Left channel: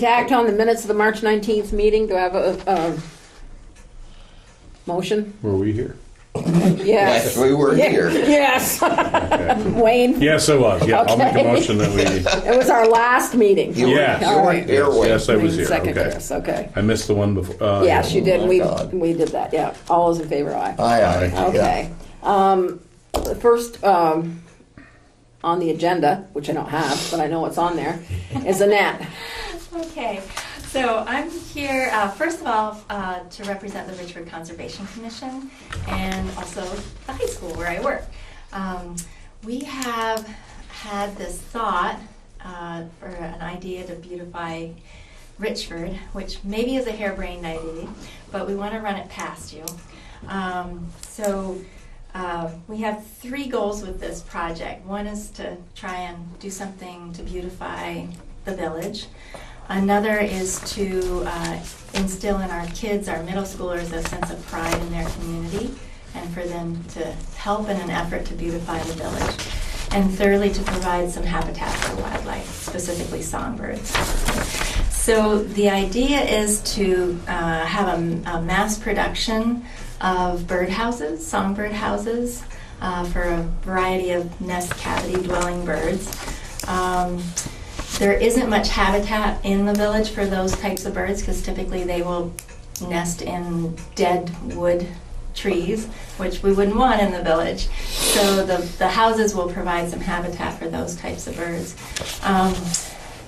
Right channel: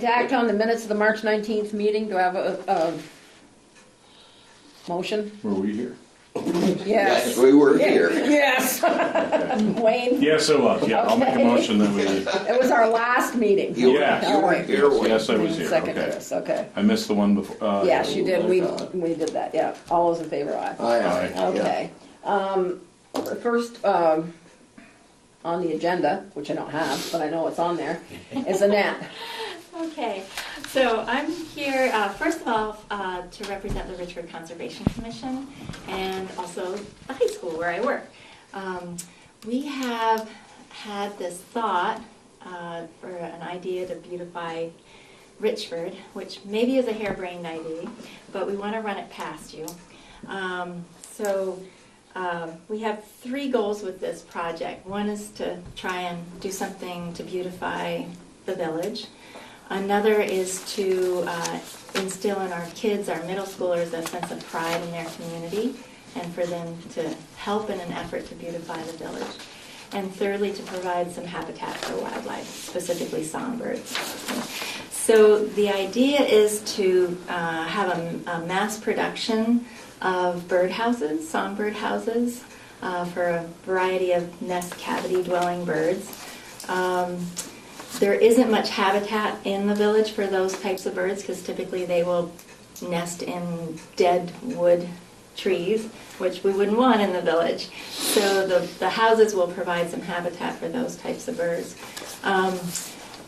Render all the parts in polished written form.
to act on the minutes of the March 19th meeting. Do I have a motion? Were we here? Yes. we were here. Yes. Okay. Wayne? Yes, it was. Yeah, I'll make a Okay. motion that we... It was our last meeting. Yes. You weren't here, Wayne. Yes, I was here. Second, Okay. Chris. Okay. I missed the one before. Yes, you did. my God. We did that. Yeah. All those in favor, aye. Aye. Okay. First on the agenda, which I don't have, but I know it's on there, is Annette. Okay, so I'm here, first of all, to represent the Richford Conservation Commission and also the high school where I work. We have had this thought for an idea to beautify Richford, which maybe is a harebrained idea, but we want to run it past you. We have 3 goals with this project. One is to try and do something to beautify the village. Another is to instill in our kids, our middle schoolers, a sense of pride in their community and for them to help in an effort to beautify the village. And thirdly, to provide some habitat for wildlife, specifically songbirds. So the idea is to have a mass production of birdhouses, songbird houses, for a variety of nest cavity dwelling birds. There isn't much habitat in the village for those types of birds because typically they will nest in dead wood trees, which we wouldn't want in the village. So the houses will provide some habitat for those types of birds.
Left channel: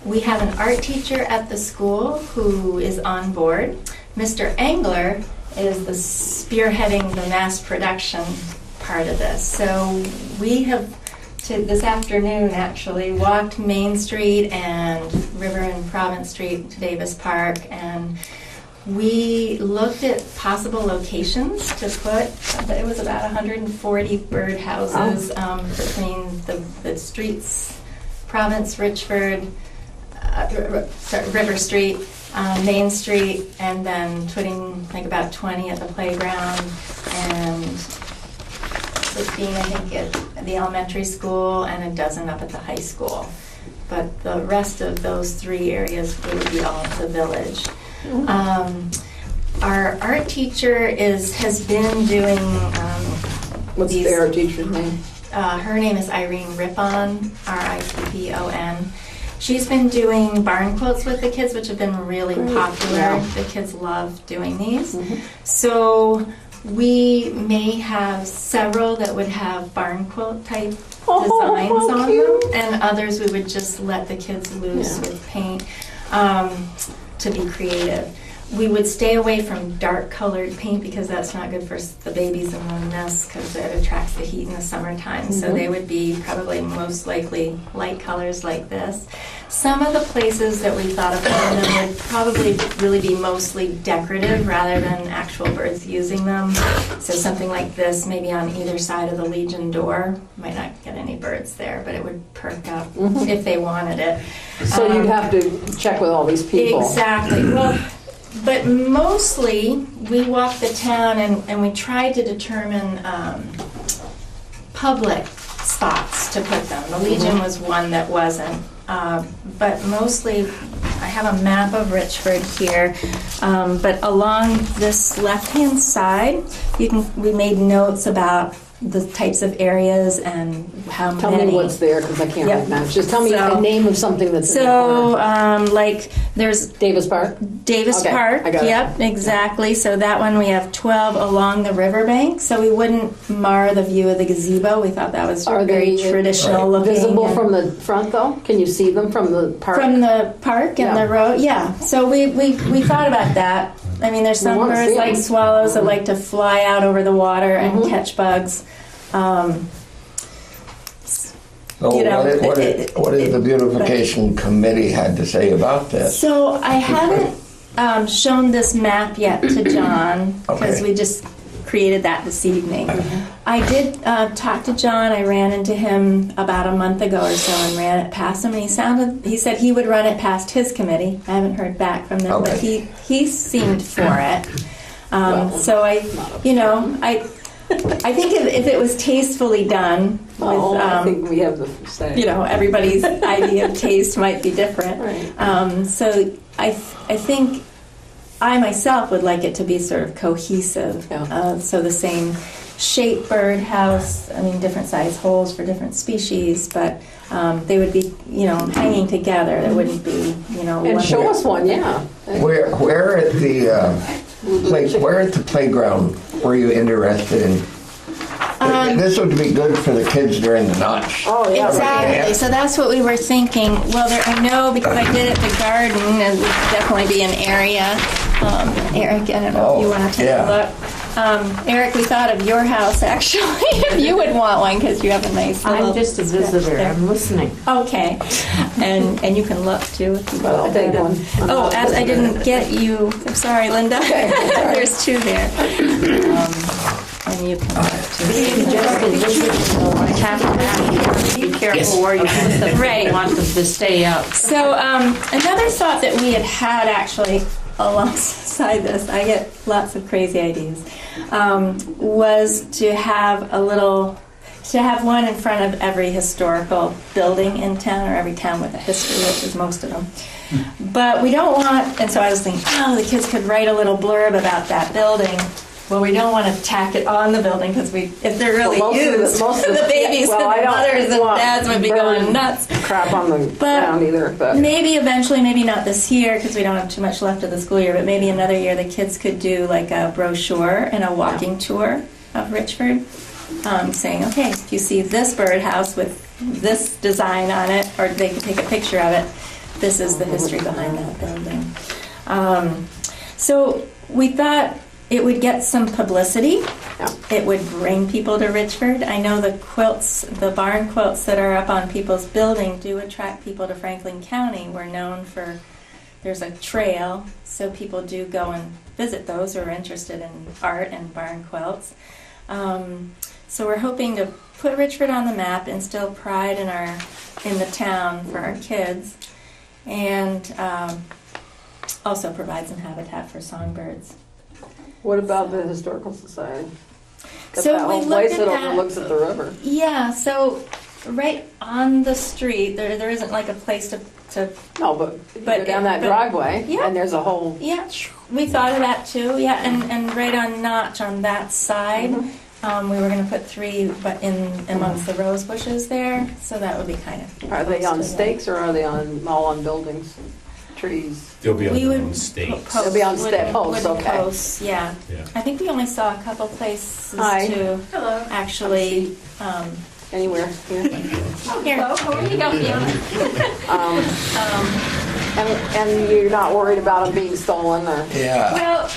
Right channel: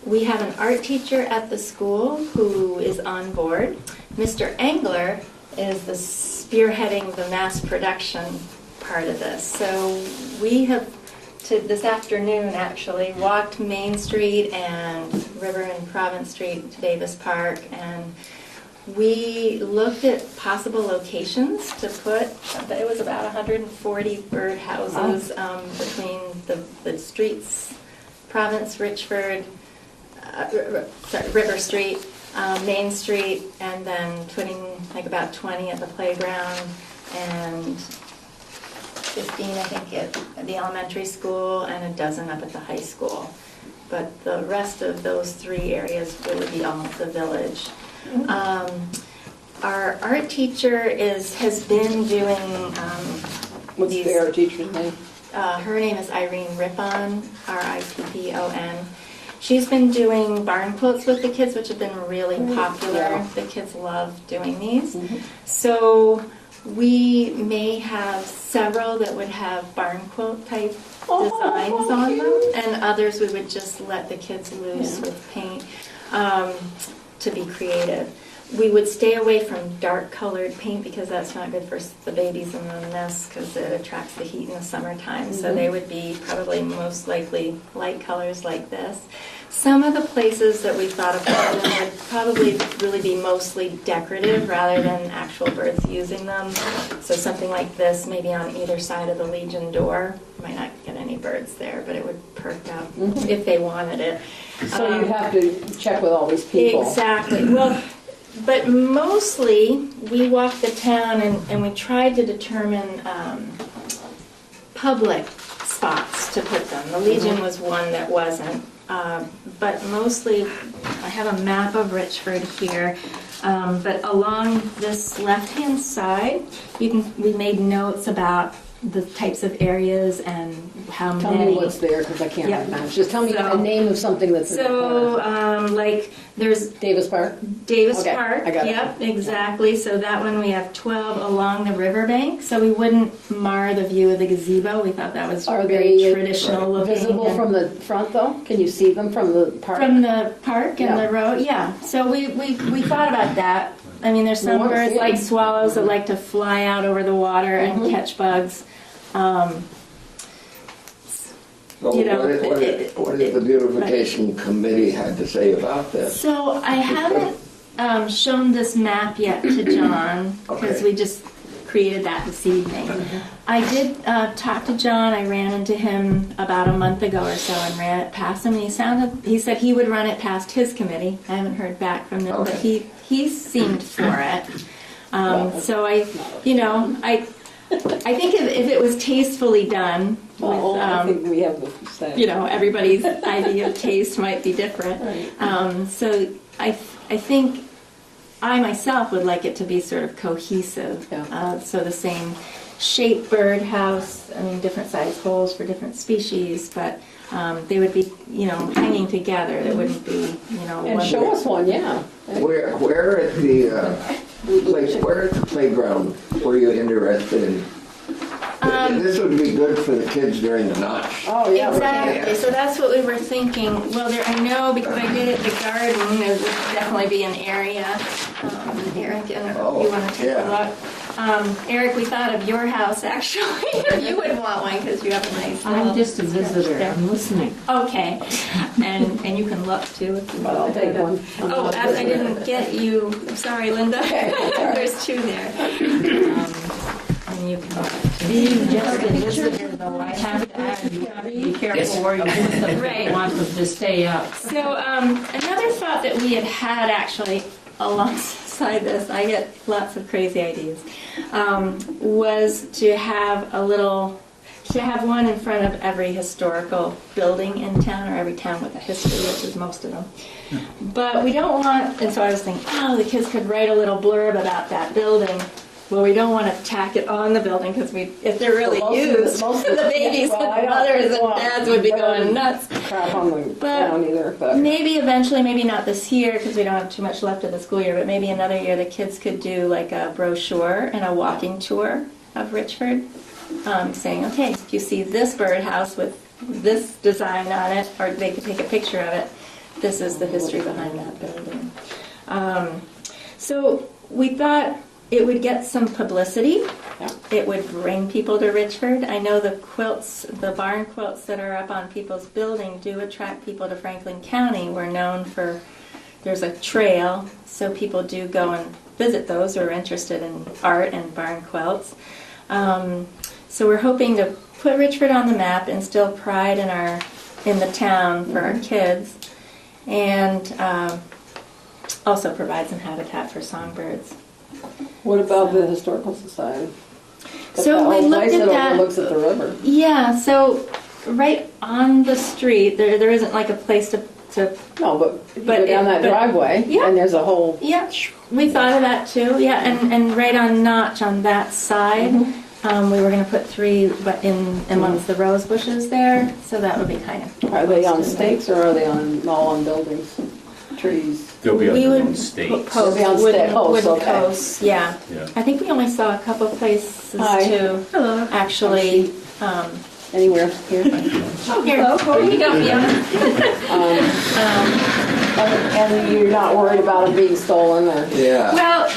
We have an art teacher at the school who is on board. Mr. Engler is the spearheading the mass production part of this. So we have, this afternoon actually, walked Main Street and River and Province Street to Davis Park, and we looked at possible locations to put, but it was about 140 bird houses between the streets, Province, Richford, River Street, Main Street, and then putting like about 20 at the playground and 15, I think, at the elementary school and a dozen up at the high school. But the rest of those 3 areas would be all the village. Our art teacher has been doing What's their teacher's name? her name is Irene Rippon, R-I-P-P-O-N. She's been doing barn quilts with the kids, which have been really popular. Yeah. The kids love doing these. So we may have several that would have barn quilt type designs on them, and others we would just let the kids loose with paint to be creative. We would stay away from dark colored paint because that's not good for the babies in the nest because it attracts the heat in the summertime. So they would be probably most likely light colors like this. Some of the places that we thought of would probably really be mostly decorative rather than actual birds using them. So something like this, maybe on either side of the Legion door. Might not get any birds there, but it would perk up if they wanted it. So you'd have to check with all these people. Exactly. Well, but mostly we walked the town and we tried to determine public spots to put them. The Legion was one that wasn't. But mostly, I have a map of Richford here, but along this left-hand side, we made notes about the types of areas and how Tell many. me what's there because I can't Yep. remember. Just tell me So- the name of something that's So, like, there's Davis Park? Davis Okay, Park, I got it. yep, exactly. So that one we have 12 along the riverbank, so we wouldn't mar the view of the gazebo. We thought that was Are very they traditional looking. Visible and- from the front though? Can you see them from the park? From the park and Yeah. the road, yeah. So we thought about that. I mean, there's some wanna birds see like 'em. swallows that like to fly out over the water and catch bugs. So You know, what did the beautification committee had to say about this? So I haven't shown this map yet to John because Okay. we just created that this evening. I did talk to John. I ran into him about a month ago or so and ran it past him. And he said he would run it past his committee. I haven't heard back from them, but Okay. he seemed for it. So I think if it was tastefully done, with, I think we have the say. you know, everybody's idea of taste might be different. Right. So I think I myself would like it to be sort of cohesive. Yeah. So the same shape birdhouse, I mean, different size holes for different species, but they would be, you know, hanging together. It wouldn't be, you know, And one. show us one, yeah. Where at the where at the playground were you interested in? This would be good for the kids during the notch. Oh, yeah. Exactly. Right. So that's what we were thinking. Well, I know because I did it at the garden, it would definitely be an area. Eric, I don't know if you want to take a look. Eric, we thought of your house actually, if you would want one, because you have a nice little. I'm just a visitor. I'm listening. Okay, and you can look too if you But I'll want. take one. Oh, as I didn't get you. I'm sorry, Linda. There's two there. And you can. Being just a visitor, so I have to have you be careful where you put them. Right. You want them to stay out. So another thought that we had actually alongside this, I get lots of crazy ideas, was to have one in front of every historical building in town, or every town with a history, which is most of them. But we don't want, and so I was thinking, oh, the kids could write a little blurb about that building. Well, we don't want to tack it on the building because if they're really Well, most of the babies well, I and the don't mothers and want dads would be going nuts. Crap on the ground either, but Maybe eventually, maybe not this year because we don't have too much left of the school year, but maybe another year the kids could do like a brochure and a walking tour of Richford, saying, okay, if you see this birdhouse with this design on it, or they could take a picture of it, this is the history behind that building. So we thought it would get some publicity. Yeah. It would bring people to Richford. I know the quilts, the barn quilts that are up on people's building do attract people to Franklin County. We're known for, there's a trail, so people do go and visit those who are interested in art and barn quilts. So we're hoping to put Richford on the map, instill pride in the town for our kids, and also provide some habitat for songbirds. what about the historical society? So we looked place at that that. overlooks at the river. Yeah, so right on the street, there isn't like a place to No, but But go down that but- driveway, Yeah. and there's a whole. yeah, we thought of that too, yeah, and right on Notch on that side, we were gonna put 3 but in amongst the rose bushes there, so that would be kind of. Are they on stakes or are they all on buildings, trees? They'll be We on would one state. post They'll be on wood- stick. Oh, wooden okay. posts, yeah. Yeah. I think we only saw a couple places Hi. to Hello. actually. Anywhere here. Here, here you go, And you're not worried about them being stolen or? Yeah. Well,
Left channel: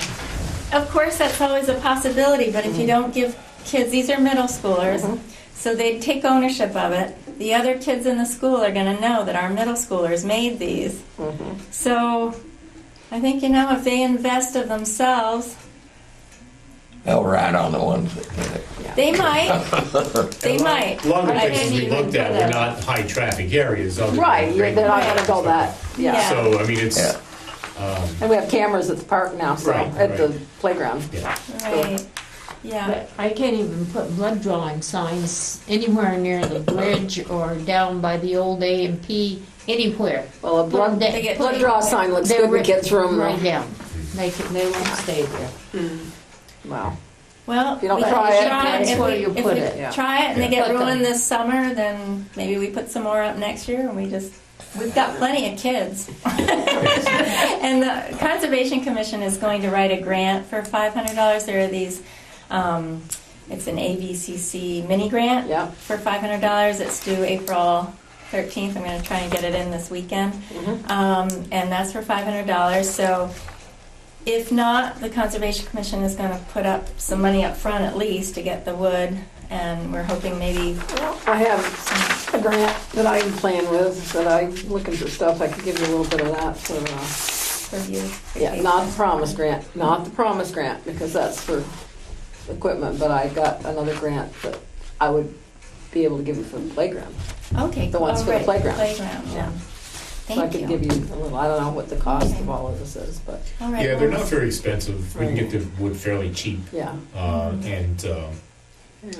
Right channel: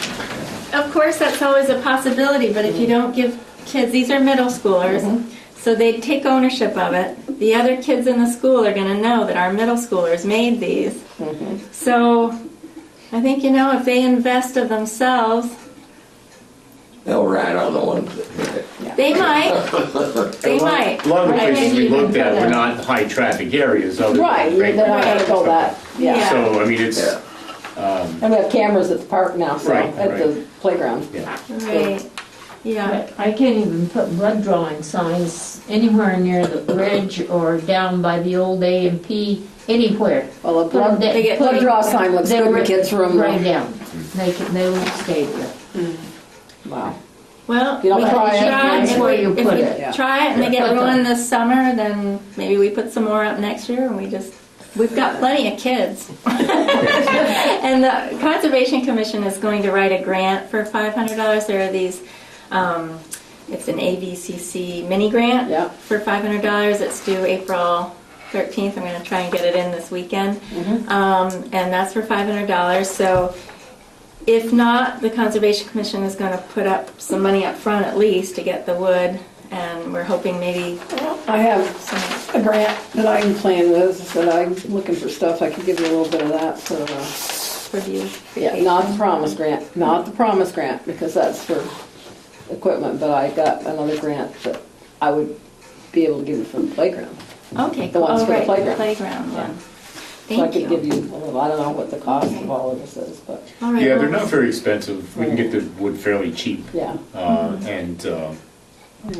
of course, that's always a possibility, but if you don't give kids, these are middle schoolers, so they take ownership of it. The other kids in the school are going to know that our middle schoolers made these. So I think, if they invest of themselves, They'll rat on the ones that did it. they might. They might. A lot of the I places think we you can looked do at that. were not high-traffic areas other than Right, regular they're not gonna traffic go stuff. that, yeah. So, I mean, it's, Yeah. And we have cameras at the park now, so, Right, at the right. playground. yeah. Right. Yeah. I can't even put blood drawing signs anywhere near the bridge or down by the old A&P, anywhere. Well, a blood, They get- blood draw sign looks good in the kids' room. Right though. down. They won't stay there. Wow. Well, You don't we try can it, try that's If where we, you if put we it. Yeah. try it and they get Put them. ruined this summer, then maybe we put some more up next year and we've got plenty of kids. And the Conservation Commission is going to write a grant for $500. There are these, it's an AVCC mini grant Yeah. for $500. It's due April 13th. I'm going to try and get it in this weekend. And that's for $500. So if not, the Conservation Commission is going to put up some money up front at least to get the wood, and we're hoping maybe Well, I have a grant that I'm playing with, that I'm looking for stuff, I could give you a little bit of that for, for you. yeah, not the promise grant, because that's for equipment, but I got another grant that I would be able to give you from the playground. Okay. The ones for the right, playground. Playground, yeah. So I Thank could you. give you a little, I don't know what the cost of all of this is, but, All right, Yeah, well, they're not very expensive. We can get the wood fairly cheap. yeah. And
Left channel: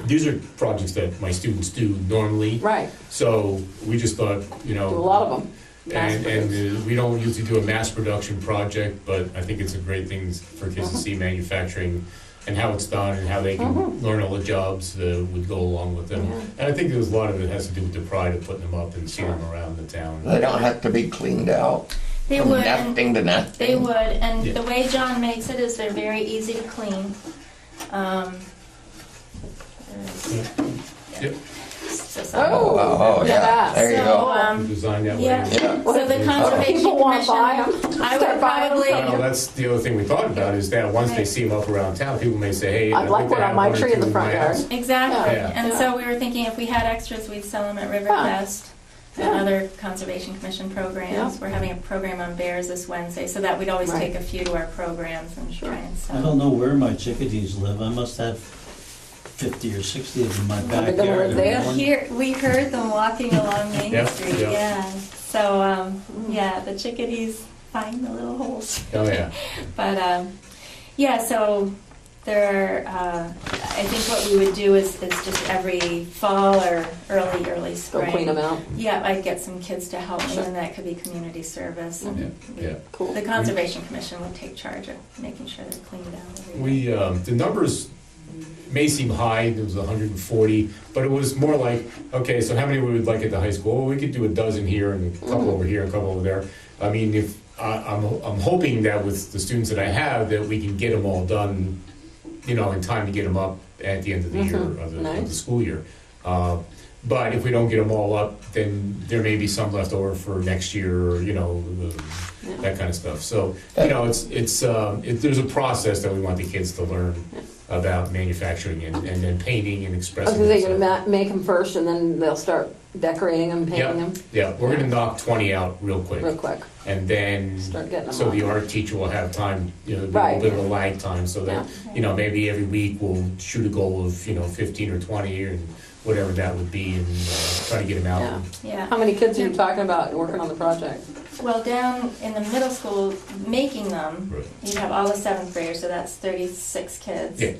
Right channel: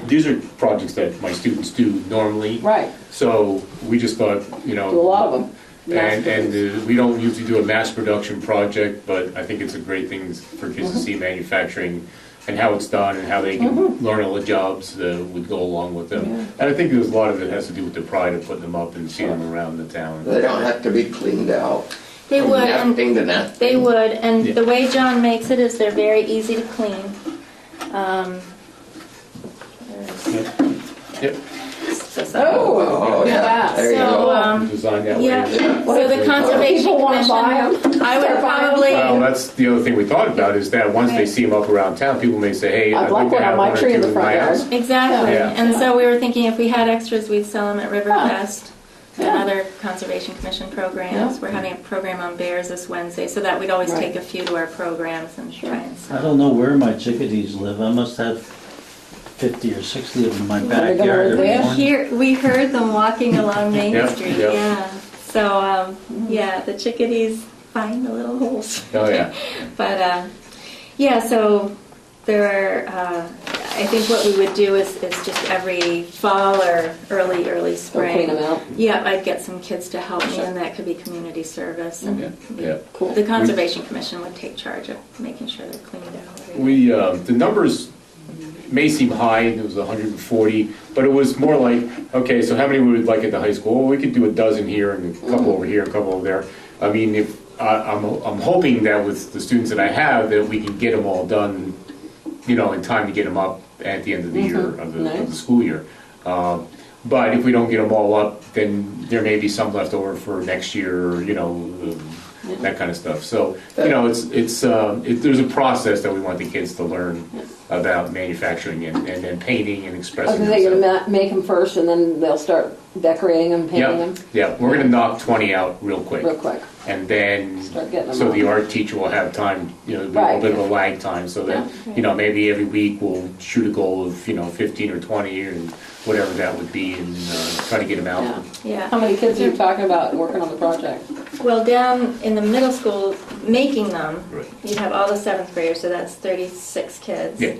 these are projects that my students do normally. Right, So we just thought, do a lot of them. and we don't usually do a mass production project, but I think it's a great thing for kids to see manufacturing and how it's done and how they can learn all the jobs that would go along with them. Yeah. And I think there's a lot of it has to do with the pride of putting them up and seeing them around the town. They don't have to be cleaned out. They From would, and nesting to nesting. they would, and Yeah. the way John makes it is they're very easy to clean. Yep, Oh, yeah, there you So, go. designed that way. Yeah, so the Conservation People want to buy Commission, them. I would probably, Well, that's the other thing we thought about is that once they Right. see them up around town, people may say, hey, I'd I'd like like to one on have my one or tree in two the in front my yard. house. exactly. Yeah. And so we were thinking if we had extras, we'd sell them at Riverfest and Yeah. other Conservation Commission programs. Yeah. We're having a program on bears this Wednesday, so that we'd always Right. take a few to our programs and try and I sell. don't know where my chickadees live. I must have 50 or 60 of them in my Are they gonna backyard live every there? morning. We heard them walking along Main Yeah, Street, yeah. yeah. So, yeah, the chickadees find the little holes. Oh, yeah. But, yeah, so there are, I think what we would do is just every fall or early Go clean spring. them out. Yeah, I'd get some kids to help me, and that could be community service. Yeah, And yeah. Cool. the Conservation Commission would take charge of making sure they're cleaned out. We, the numbers may seem high, it was 140, but it was more like, okay, so how many would we like at the high school? Well, we could do a dozen here and a couple over here, a couple over there. I mean, if, I'm hoping that with the students that I have, that we can get them all done, in time to get them up at the end of the year, of the Nice. school year. But if we don't get them all up, then there may be some left over for next year, or, that kind of stuff. So, there's a process that we want the kids to learn about manufacturing and then painting and I expressing was gonna themselves. make them first and then they'll start decorating them, painting Yeah, them yeah, we're gonna knock 20 out real quick. real quick. And then, Start getting them so up. the art teacher will have time, a little Right. bit of a lag time, so that, maybe every week we'll shoot a goal of, 15 or 20, and whatever that would be, and try to get them out. Yeah. Yeah. How many kids are you talking about working on the project? Well, down in the middle school, making them, Right. you have all the seventh graders, so that's 36 kids. Yeah.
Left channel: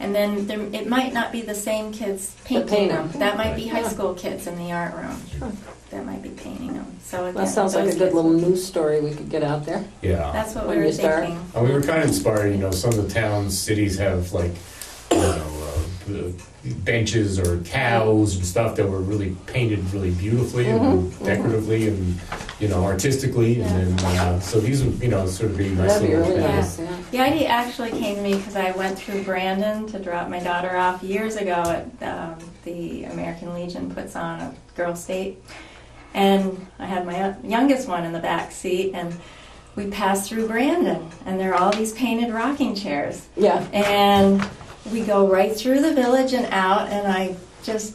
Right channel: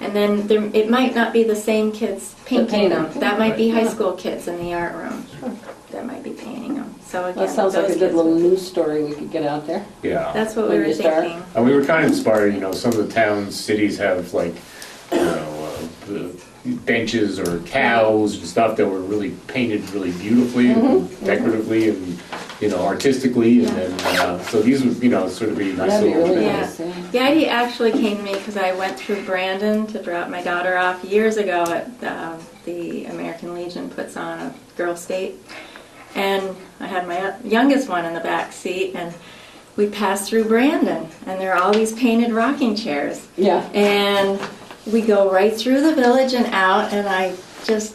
And then it might not be the same kids painting painting, them. yeah. That might be Right. high school kids in the art room Sure. that might be painting them. So again, That sounds like a those good kids little would- news story we could get out there. Yeah. That's what we When were you start. thinking. And we were kind of inspired, some of the towns, cities have like, benches or cows and stuff that were really painted really beautifully and decoratively and, artistically, and then, so these would, sort of be nice That'd be little really things. nice, yeah. The idea actually came to me because I went through Brandon to drop my daughter off years ago at the American Legion puts on a girls' state. And I had my youngest one in the back seat, and we passed through Brandon, and there are all these painted rocking chairs. Yeah. And we go right through the village and out, and I just,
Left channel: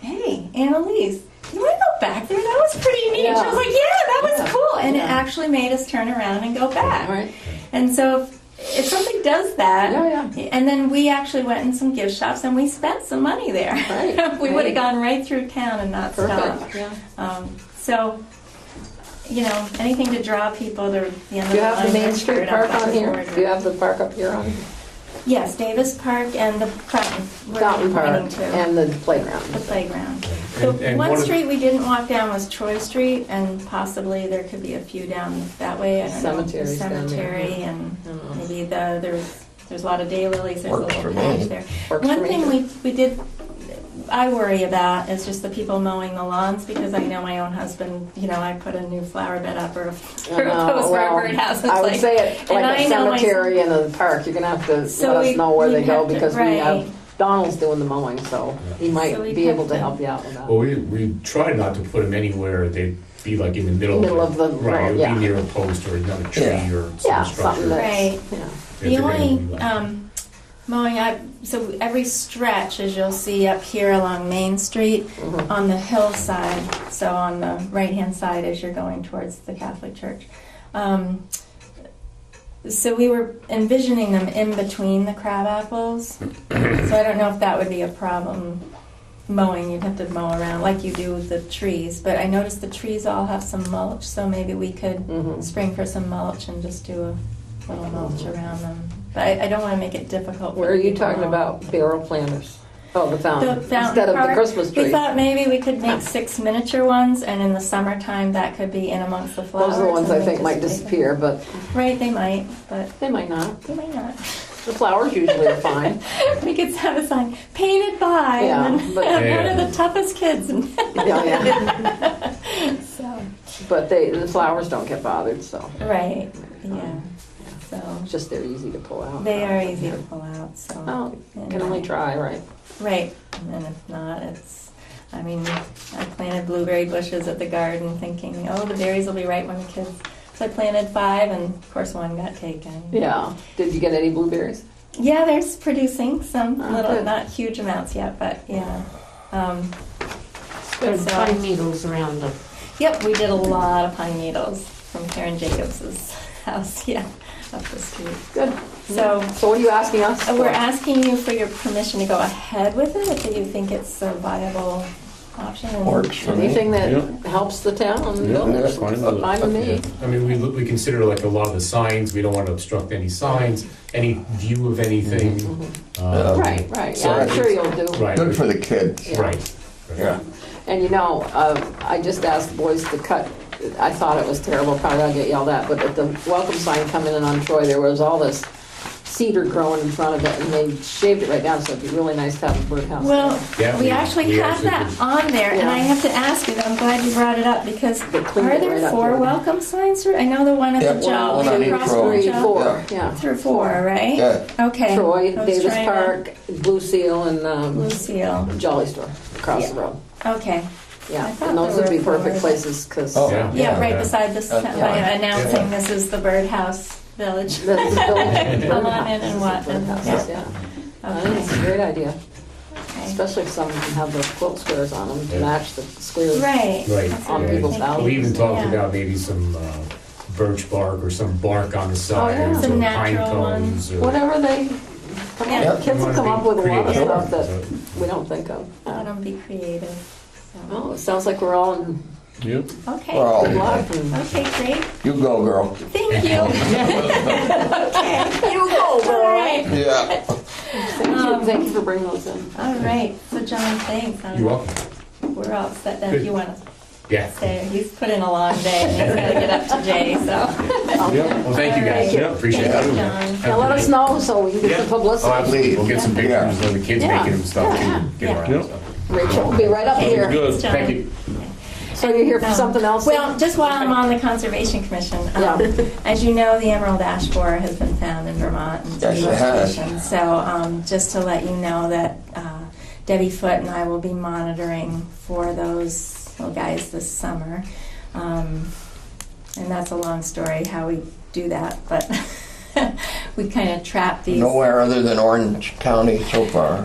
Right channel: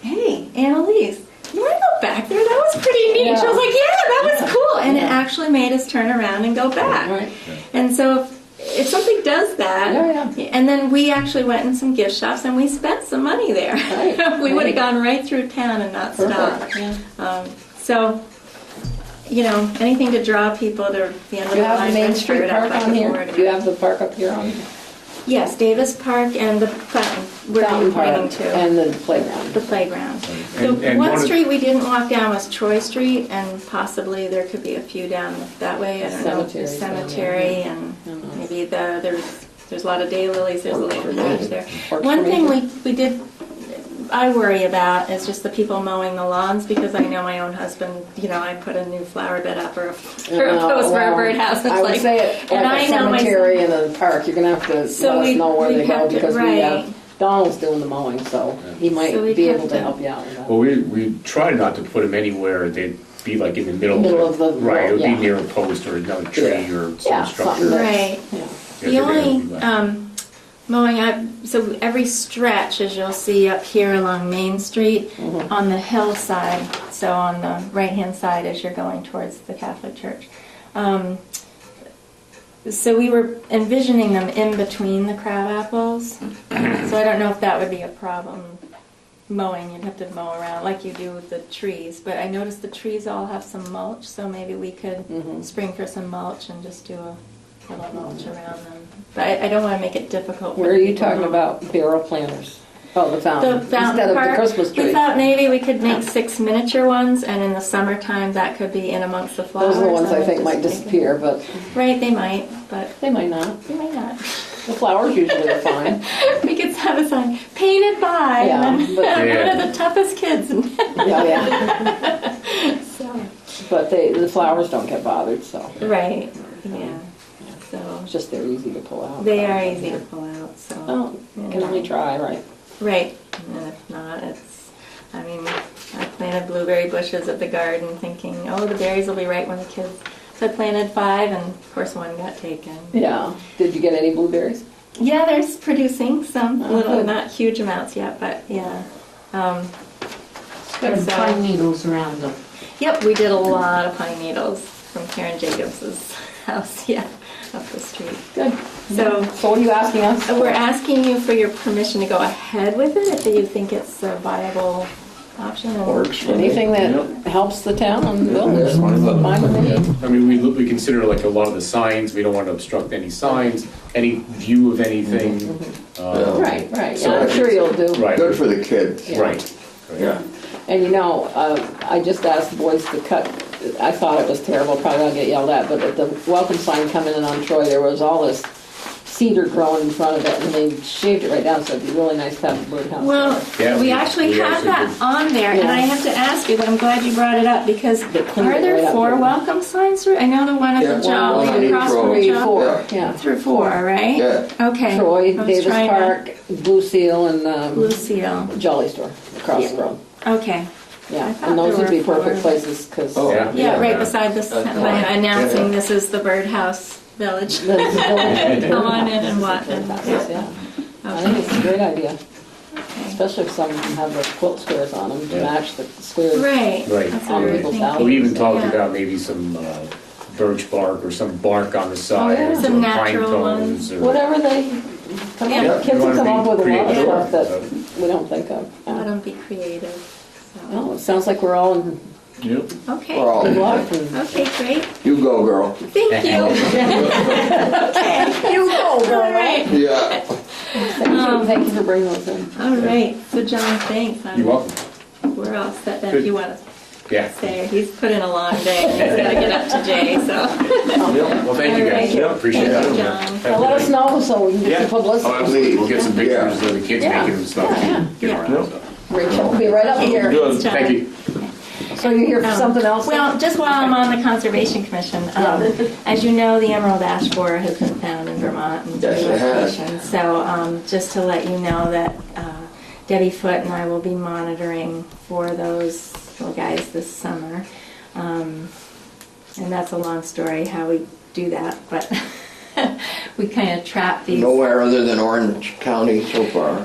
hey, Annalise, you want to go back there? That was pretty neat. Yeah. She was like, yeah, that was cool. And it actually made us turn around and go back. Right. And so if something does that, Yeah, and then we actually went in some gift shops and we spent some money there. Right, We would have right. gone right through town and not stopped. Perfect. Yeah. So, anything to draw people to the end Do of you the have line. the Main let's Street figure it out Park on by here? board. Do you have the park up here on? Yes, Davis Park and the fountain. We're Fountain Park pointing to. and the playground. The playground. And- The and one one of- street we didn't walk down was Troy Street, and possibly there could be a few down that way. I don't know. The Cemeteries down there. cemetery, and I don't know. maybe there's a lot of daylilies. There's a Works little for me. village there. Works One for me. thing we did, I worry about is just the people mowing the lawns, because I know my own husband, I put a new flower bed up or a post wherever it has. It's I would like- say it and like a I know my- cemetery and a park, you're gonna have to So let us we- know where we'd they go have to- because we right. have, Donald's doing the mowing, so he might So we'd be have able to to- help you out with that. Well, we tried not to put them anywhere, they'd be like in the middle Middle of of the right, it would road, be yeah. near a post or another tree Yeah. or Yeah, some something structure. that- Right. Yeah. If The they're gonna only be like- mowing, so every stretch, as you'll see up here along Main Street, Mhm. on the hillside, so on the right-hand side as you're going towards the Catholic Church. So we were envisioning them in between the crab apples. So I don't know if that would be a problem mowing. You'd have to mow around like you do with the trees. But I noticed the trees all have some mulch, so maybe we could Mhm. spring for some mulch and just do a little mulch around them. But I don't want to make it difficult. for Where are you people. talking about barrel planters? Oh, the fountain, The fountain instead of the part. Christmas We tree. thought maybe we could make 6 miniature ones, and in the summertime, that could be in amongst the flowers. Those are the ones I and think just might take 'em. disappear, but Right, they might, but they might not. they might not. The flowers usually are fine. We could have a sign, painted by, Yeah, and then but- one of the toughest kids. Yeah, yeah. So, But the flowers don't get bothered, so right, yeah, so, it's just they're easy to pull out. they are easy to pull out, so. Oh, you can only try, right? Right, and if not, I mean, I planted blueberry bushes at the garden thinking, oh, the berries will be right when the kids, so I planted 5 and of course one got taken. Yeah. Did you get any blueberries? Yeah, there's producing some, Oh, little, good. not huge amounts yet, but yeah. There's So- pine needles around them. Yep, we did a lot of pine needles from Karen Jacobs's house, yeah, up the street. Good. So So what are you asking us? we're asking you for your permission to go ahead with it if you think it's a viable option. and- Works for me. Anything that helps the town and the buildings, Yeah, fine. fine with me. I mean, we consider like a lot of the signs, we don't want to obstruct any signs, any view of anything. Right, right. So Yeah, I'm it's- sure you'll do. Right, Good for the kids. right. Yeah. And you know, I just asked the boys to cut, I thought it was terrible, probably I'll get yelled at, but at the welcome sign coming in on Troy, there was all this cedar growing in front of it, and they shaved it right down, so it'd be really nice to have a birdhouse. Well, Yeah, we we- actually we have actually that did. on there, and Yeah. I have to ask you, I'm glad you brought it up, because They cleaned are it there right up 4 there. welcome signs through? I know the one at Yeah, the one Joe, on each across road. from 3, Joe. 4, yeah. Through 4, right? Yeah. Okay. Troy, I was Davis trying to- Park, Blue Seal, and Blue Seal, Jolly Store across the road. okay. Yeah, I thought and those there would be were perfect 4. places, because Oh. Yeah. Yeah, right Yeah. beside this, Okay. announcing Yeah. this is the birdhouse village. the village. Come on in and watch it. Birdhouses, yeah. I think it's a great idea, Okay. especially if some can have the quilt squares on them to Yeah. match the squares. Right. Right. That's what we were People's thinking. houses. We even talked Yeah. about maybe some birch bark or some bark on the sides, yeah. or Some pine natural cones, or. Whatever they, come Yeah. on, kids will come up with a lot of Creative. stuff that we don't think of. Let them be creative. Well, So. it sounds like we're all in Yep. Okay. We're all- good luck. and- Okay, great. You go, girl. Thank you. Okay. You go, All girl. right. Yeah. Thank you for bringing us in. All right. So John, thanks. You're welcome. We're all set if Good. you want to Yeah. stay. He's put in a long day. He's got to get up to Jay, so. Well, thank you guys. All right. Yeah, appreciate Thank that. you, John. Have Now a let good us night. know so we can get Yeah. some Oh, publicity. absolutely. We'll get some Yeah. pictures of the kids Yeah. making them stuff Yeah. and get Yeah. around. So. Rachel will be right up here. Good. John. Thank you. So you're here for something else? Well, just while I'm on the Conservation Commission, as you know, the emerald ash borer has been found in Vermont. in Yes, some it has. locations. So just to let you know that Debbie Foote and I will be monitoring for those little guys this summer. And that's a long story how we do that, but we kind of trap these. Nowhere other than Orange County so far.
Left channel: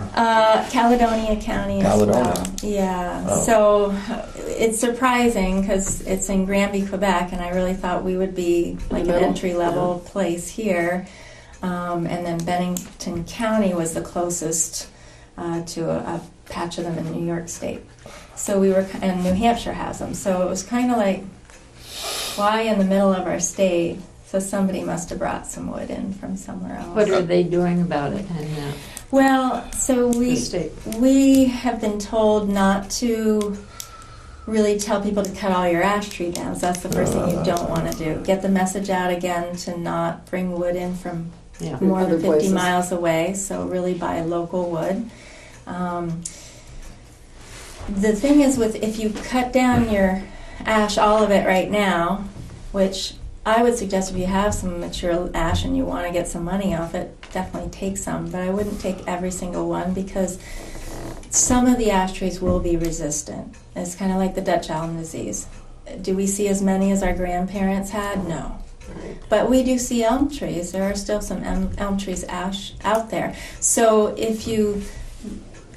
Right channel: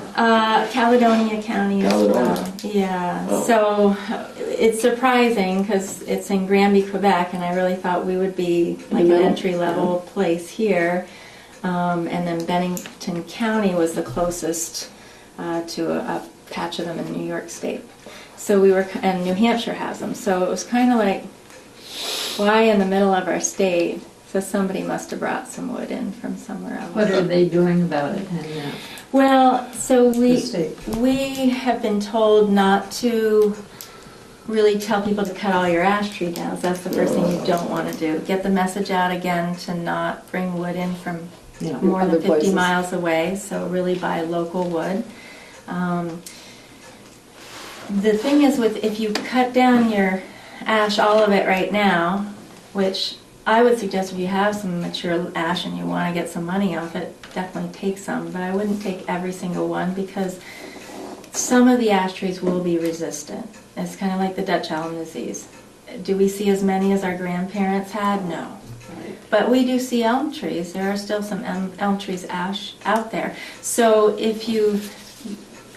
Caledonia County as Caledonia. well. Yeah, Oh. so it's surprising because it's in Granby, Quebec, and I really thought we would be like an middle? entry-level place here. And then Bennington County was the closest to a patch of them in New York State. So we were, and New Hampshire has them. So it was kind of like, why in the middle of our state? So somebody must have brought some wood in from somewhere else. What are they doing about it, Hannah? Well, so The we state. have been told not to really tell people to cut all your ash tree down. So that's the first thing you don't want to do. Get the message out again to not bring wood in from Yeah. more Other than 50 places. miles away. So really buy local wood. The thing is with if you cut down your ash, all of it right now, which I would suggest if you have some mature ash and you want to get some money off it, definitely take some, but I wouldn't take every single one because some of the ash trees will be resistant. It's kind of like the Dutch elm disease. Do we see as many as our grandparents had? No. But we do see elm trees. There are still some elm trees ash out there. So if you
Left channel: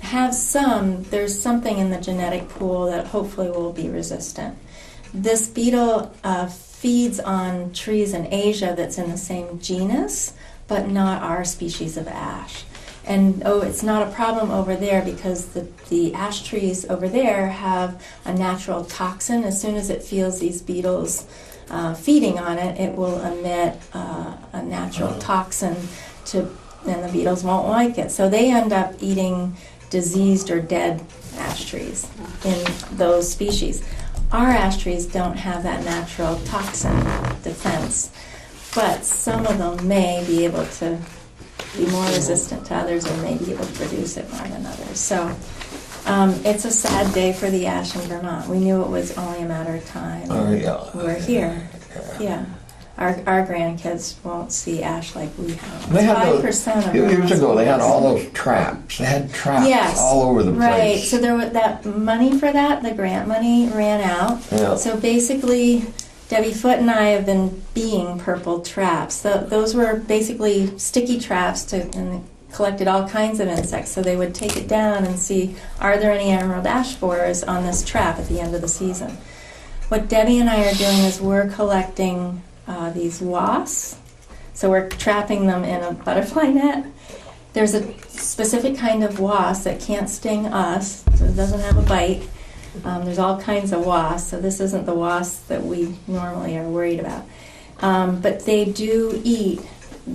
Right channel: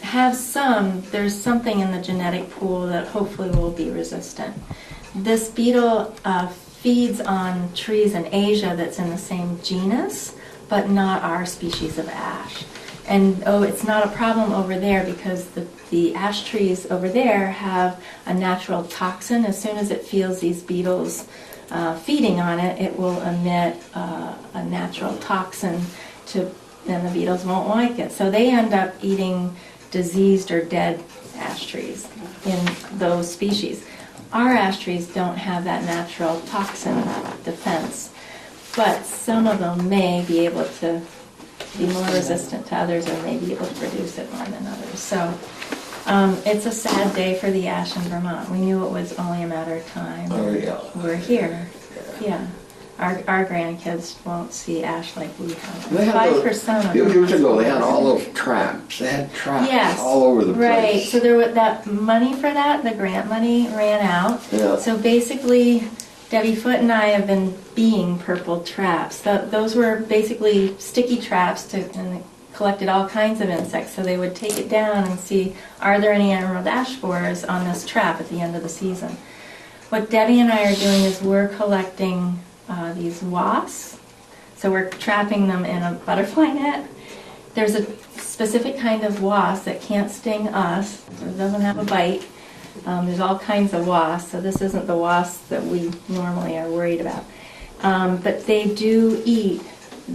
have some, there's something in the genetic pool that hopefully will be resistant. This beetle feeds on trees in Asia that's in the same genus, but not our species of ash. And it's not a problem over there because the ash trees over there have a natural toxin. As soon as it feels these beetles feeding on it, it will emit a natural toxin and the beetles won't like it. So they end up eating diseased or dead ash trees in those species. Our ash trees don't have that natural toxin defense, but some of them may be able to be more resistant to others or may be able to produce it more than others. So it's a sad day for the ash in Vermont. We knew it was only a matter of time. Oh, yeah. We're here. Yeah. Our grandkids won't see ash like we have. They had 5% of Years ago, they had Vermont's all those traps. They had traps Yes, all over the place. right. So there was that money for that, the grant money ran out. Yeah. So basically, Debbie Foote and I have been being purple traps. Those were basically sticky traps and they collected all kinds of insects. So they would take it down and see, are there any emerald ash borers on this trap at the end of the season? What Debbie and I are doing is we're collecting these wasps. So we're trapping them in a butterfly net. There's a specific kind of wasp that can't sting us, so it doesn't have a bite. There's all kinds of wasps, so this isn't the wasp that we normally are worried about. But they do eat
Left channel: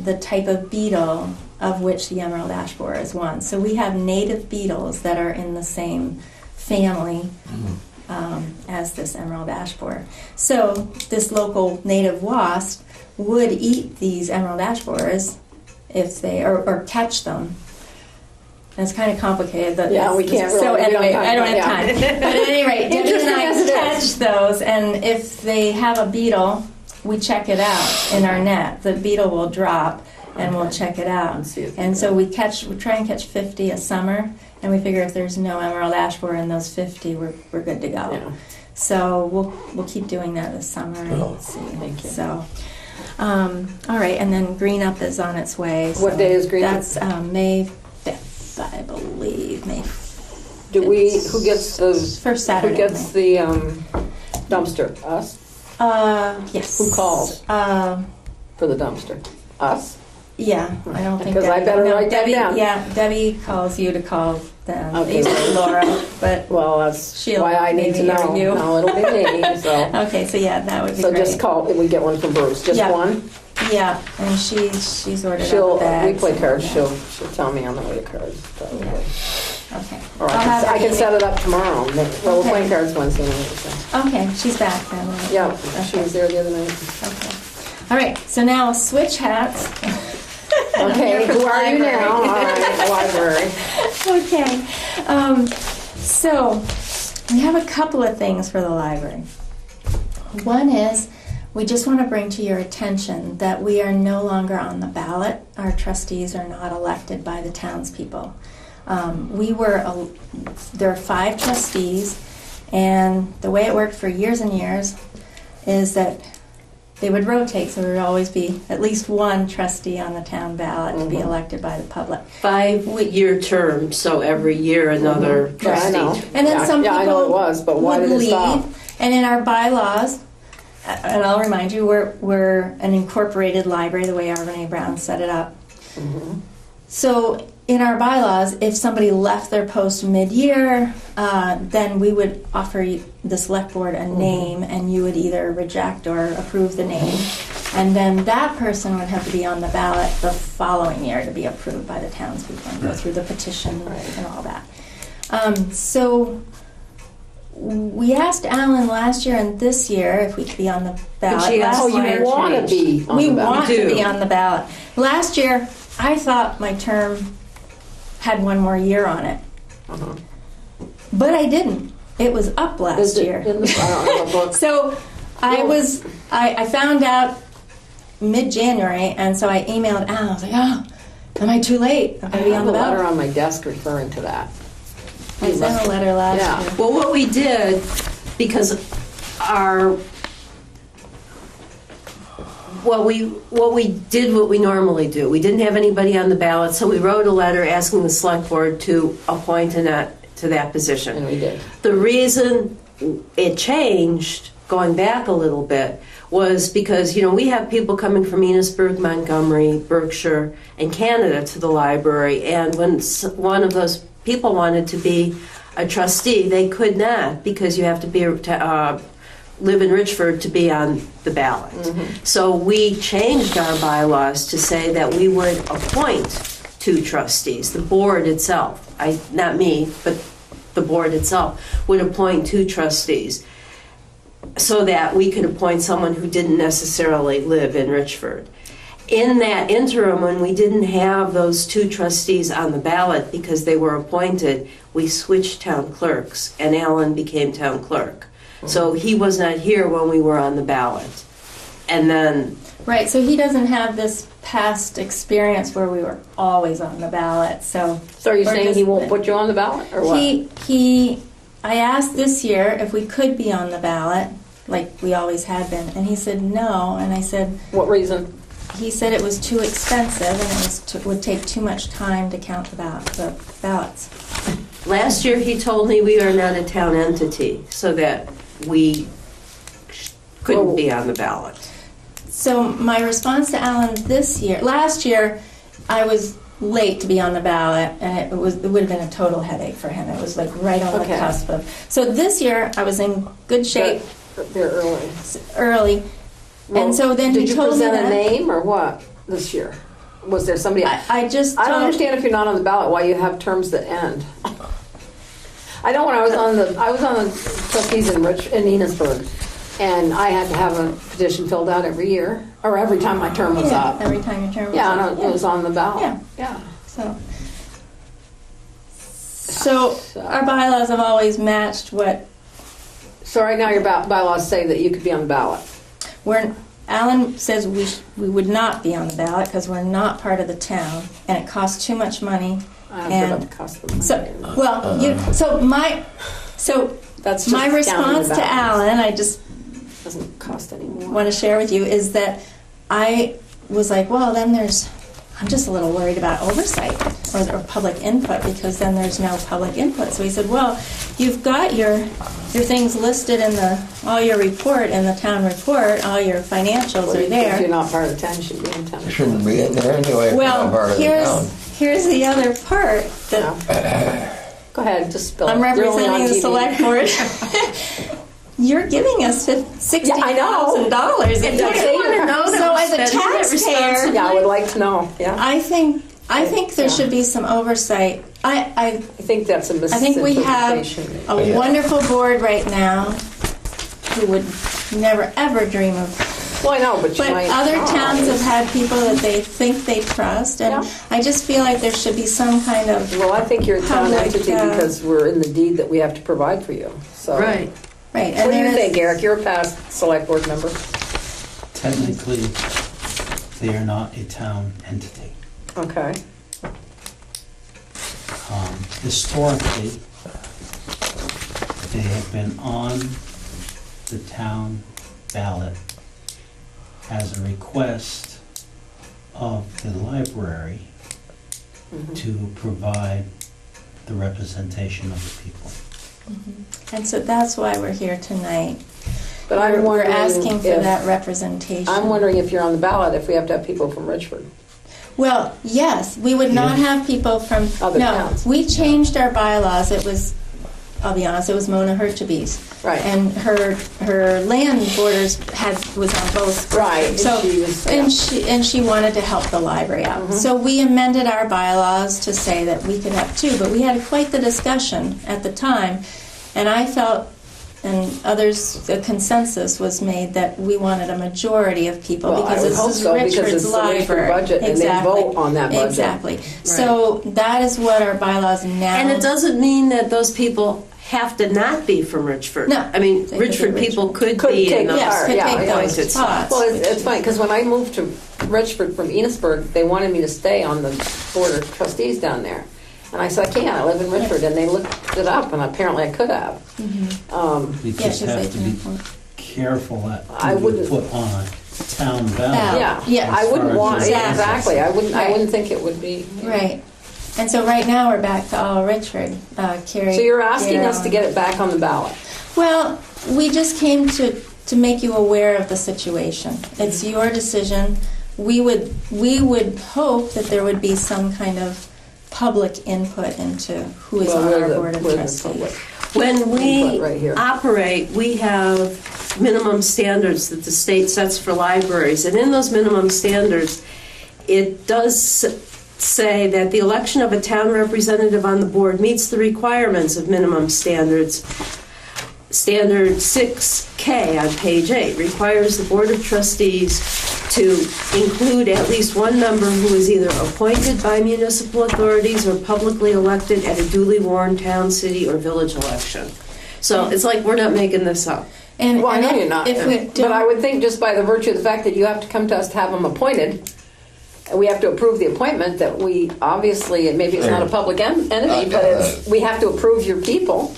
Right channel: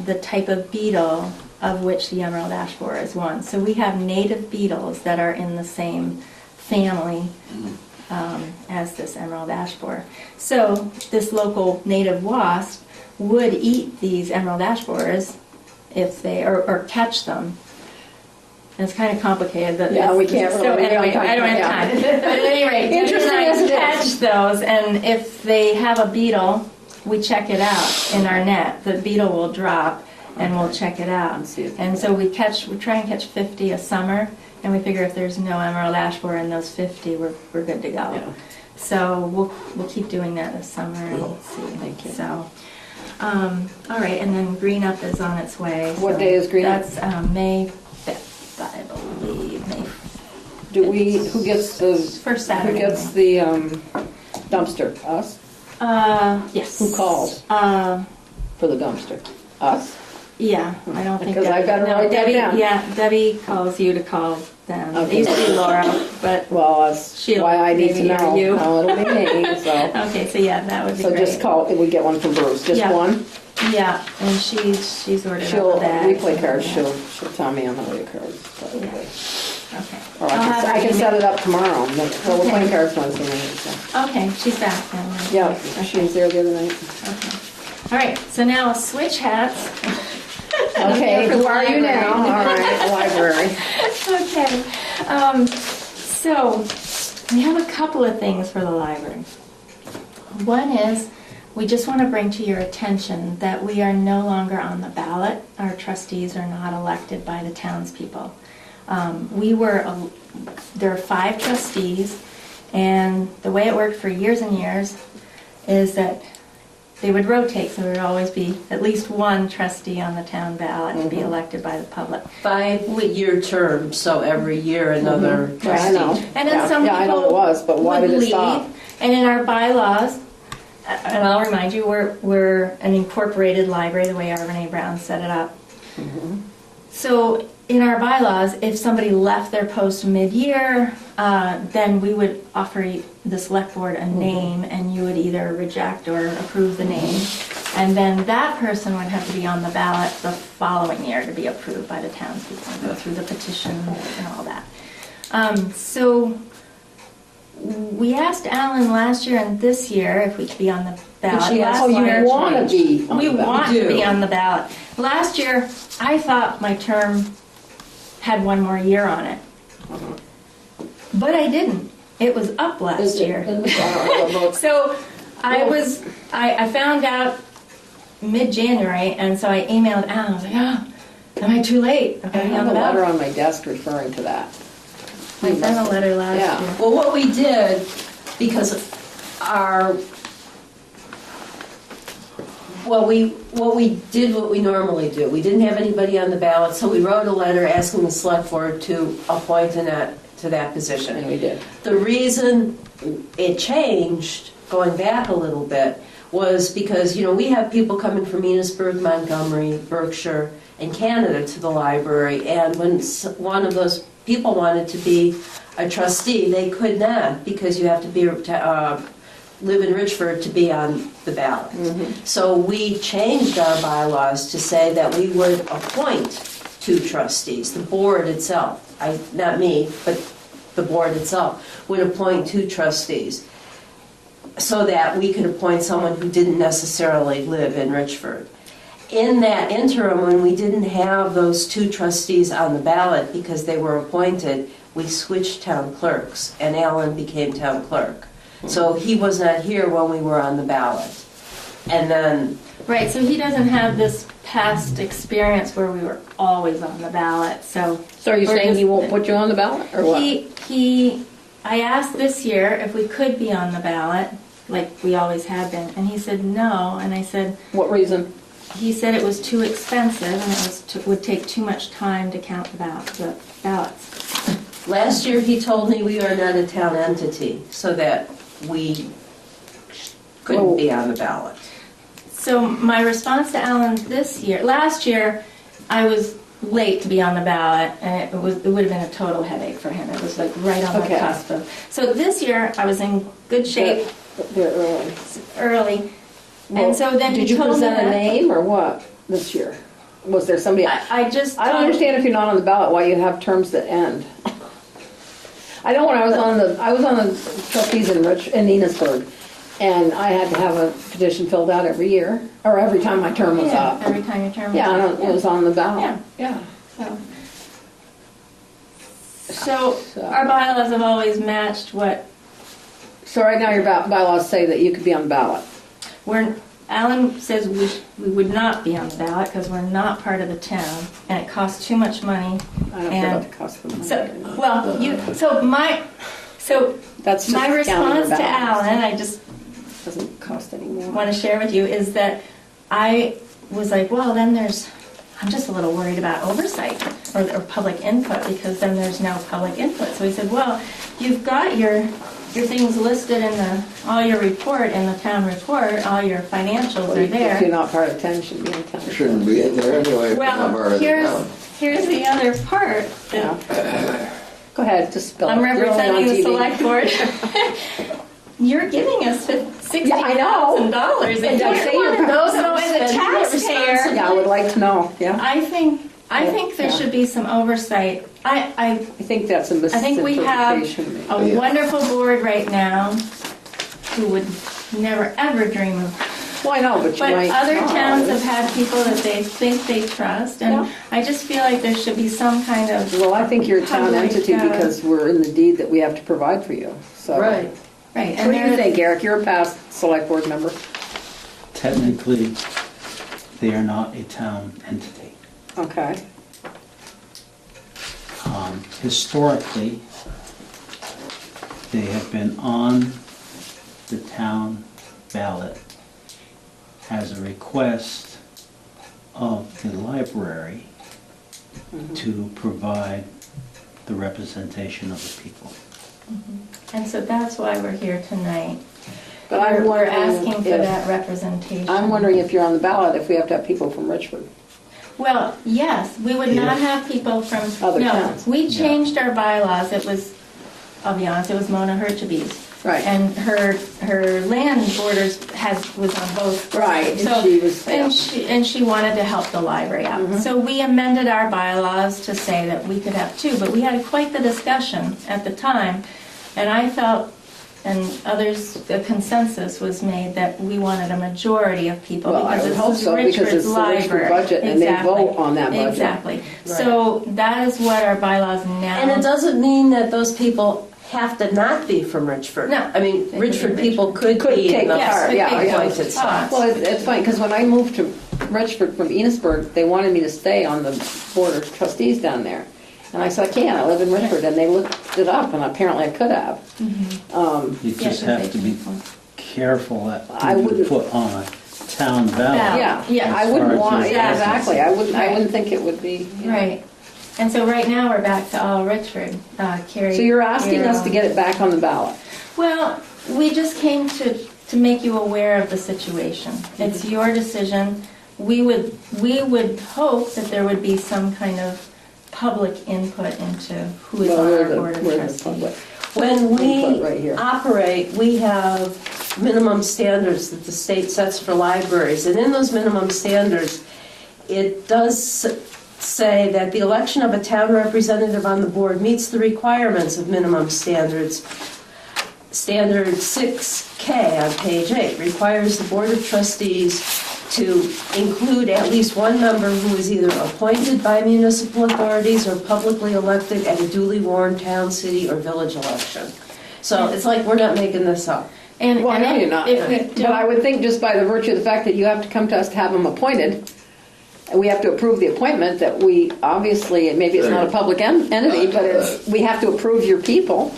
the type of beetle of which the emerald ash borer is one. So we have native beetles that are in the same family as this emerald ash borer. So this local native wasp would eat these emerald ash borers if they, or catch them. And it's kind of complicated, but Yeah, we can't so really- anyway, I don't have yeah. time. But at any rate, Debbie Interesting and as it I is. catch those, and if they have a beetle, we check it out in our net. The beetle will drop, and we'll check it out. And so we try and catch 50 a summer, and we figure if there's no emerald ash borer in those 50, we're good to go. Yeah. So we'll keep doing that this summer and see. Thank you. So, all right, and then Green Up is on its way. What So day is Green Up? That's May 5th, I believe. May Who gets the, first who Saturday. gets the dumpster? Us? Yes. Who calls for the dumpster? Us? Yeah, I don't think Because I better write that Debbie. down. Yeah, Debbie calls you to call them. Okay. It used to be Laura, but Well, that's She'll why I need to maybe know. you. How it'll be me, so. okay. So yeah, that would be So great. just call, if we get one from Bruce, just Yeah. one? Yeah, and she's ordered She'll, up the bags. we play cards, she'll tell me on the way to cards. probably. Yeah. Okay. Or I'll have I her can set email- it up tomorrow. Well, we're Okay. playing cards Wednesday night, so. Okay, she's back then. Yeah, she was there the other night. Okay. All right. So now switch hats. I'm Okay, here for who the are you library. now? All right, library. Okay. So we have a couple of things for the library. One is we just want to bring to your attention that we are no longer on the ballot. Our trustees are not elected by the townspeople. There are 5 trustees, and the way it worked for years and years is that they would rotate, so there would always be at least one trustee on the town ballot to be elected by the public. 5-year term, so every year another Yeah, I know. trustee. And then Yeah, some yeah, I know it people was, but why would did it leave. stop? And in our bylaws, and I'll remind you, we're an incorporated library, the way Arvin A. Brown set it up. Mm-hmm. So in our bylaws, if somebody left their post mid-year, then we would offer the select board a name, and you would either reject or approve the name. And then that person would have to be on the ballot the following year to be approved by the townspeople and go through the petition and all that. So we asked Alan last year and this year if we could be on the ballot. she asked Oh, Last you year- want to be on we the ballot. want We to do. be on the ballot. Last year, I thought my term had one more year on it, but I didn't. It was up last Is it- year. I don't have a book. So I found out mid-January, and so I emailed Alan. I was like, oh, am I too late? I'm I going to be on have the a letter ballot. on my desk referring to that. I sent a letter last Yeah. year. Well, what we did, because what we did what we normally do. We didn't have anybody on the ballot, so we wrote a letter asking the select board to appoint Annette to that position. And we did. The reason it changed, going back a little bit, was because, we have people coming from Enosburg, Montgomery, Berkshire, and Canada to the library, and when one of those people wanted to be a trustee, they could not, because you have to be live in Richford to be on the ballot. So we changed our bylaws to say that we would appoint two trustees. The board itself, not me, but the board itself would appoint two trustees so that we could appoint someone who didn't necessarily live in Richford. In that interim, when we didn't have those two trustees on the ballot because they were appointed, we switched town clerks, and Alan became town clerk. So he was not here when we were on the ballot. And then, Right, so he doesn't have this past experience where we were always on the ballot, so. So are you we're saying just- he won't put you on the ballot, or what? I asked this year if we could be on the ballot, like we always had been, and he said no, and I said, What reason? he said it was too expensive and it would take too much time to count the ballots. last year he told me we are not a town entity, so that we couldn't be on the ballot. So my response to Alan last year, I was late to be on the ballot, and it would have been a total headache for him. It was like right on the Okay. cusp of. So this year, I was in good shape They're early. early, and so then Did he you told me present a that. name, or what, this year? Was there somebody? I just I don't told- understand if you're not on the ballot, why you have terms that end. I know when I was on the trustees in Enosburg, and I had to have a petition filled out every year, or every time my term was Yeah, up. every time your term was Yeah, up. and it was on the ballot. Yeah. Yeah. So our bylaws have always matched what So right now your bylaws say that you could be on the ballot. Alan says we would not be on the ballot because we're not part of the town, and it costs too much money. I don't care about the cost of the So, money. well, That's just my counting response the to ballots. Alan, I just Doesn't cost any more. want to share with you, is that I was like, well, then I'm just a little worried about oversight or public input, because then there's no public input. So he said, well, you've got your things listed in all your report, in the town report, all your financials are If you're there. not part of town, you should be in town. It shouldn't be in there anyway. if you're not part Well, of the town. here's the other part that Go ahead, just spell it. I'm You're only representing on the TV. select board. You're giving us $60,000 a And don't say year. you're not. So as a taxpayer, Yeah, I would like to know, yeah. I think there should be some oversight. I think that's a I think we have misinterpretation. a Yeah. wonderful board right now who would never ever dream of. Well, I know, but you But might. other towns have had people that they think they trust, and Yeah. I just feel like there should be some kind of. Well, I think you're a town Public, entity yeah. because we're in the deed that we have to provide for you, so. Right. Right, What and do you there think, is. Eric? You're a past select board member. Technically, they are not a town entity. Okay. Historically, they have been on the town ballot as a request of the library to provide the representation of the people. And so that's why we're here tonight. But I'm We're wondering asking for if- that representation. I'm wondering if you're on the ballot, if we have to have people from Richford. Well, yes, we would not have people from, Other no, towns. we changed our bylaws. It was, I'll be honest, it was Mona Herchabe's. Right. And her land borders was on both. Right, and So, she was- and she wanted to help the library out. Mhm. So we amended our bylaws to say that we could have two, but we had quite the discussion at the time. And I felt, and others, the consensus was made that we wanted a majority of people Well, I because would this hope is so, because Richford's it's the Richford library. budget, and they vote on that budget. Exactly. So that is what our bylaws now. And it doesn't mean that those people have to not be from Richford. No. I mean, They could Richford be people Richford. could be take in those part, Yes, could yeah, take yeah. those appointed spots. Well, it's funny, because when I moved to Richford from Enosburg, they wanted me to stay on the board of trustees down there. And I said, I can't, I live in Richford, and they looked it up, and apparently I could have. You Yeah, just 'cause have they to be can- careful at I who you wouldn't- put on a town ballot. Yeah, Yeah. I wouldn't As far want, as yeah, the- exactly, I Right. wouldn't think it would be. Right. And so right now, we're back to all Richford. Carrie. So you're asking us to Carrie- get it back on the ballot? Well, we just came to make you aware of the situation. It's your decision. We would hope that there would be some kind of public input into who is Well, on we're our the- board of we're the trustees. public. When we Right here. operate, we have minimum standards that the state sets for libraries. And in those minimum standards, it does say that the election of a town representative on the board meets the requirements of minimum standards. Standard 6K on page 8 requires the Board of Trustees to include at least one member who is either appointed by municipal authorities or publicly elected at a duly warned town, city, or village election. So it's like we're not making this up. And, Well, I know you're not, if we but I would think just by the virtue of the fact that you have to come to us to have them appointed, and we have to approve the appointment, that we obviously, maybe it's not a public entity, but it's, we have to approve your people.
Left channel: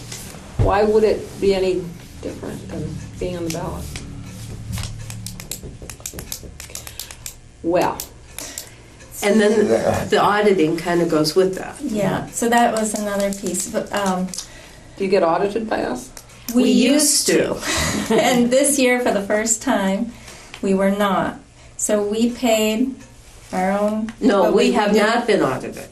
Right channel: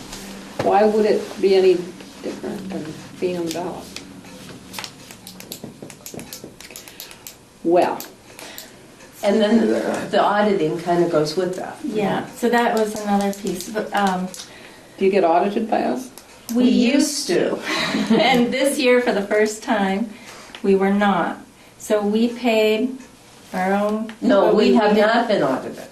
Why would it be any different than being on the ballot? Well, And then the auditing kind of goes with that. Yeah, so that was another piece, but do you get audited by us? we We used used to. And this year, for the first time, we were not. So we paid our own. No, but we have did- not been audited.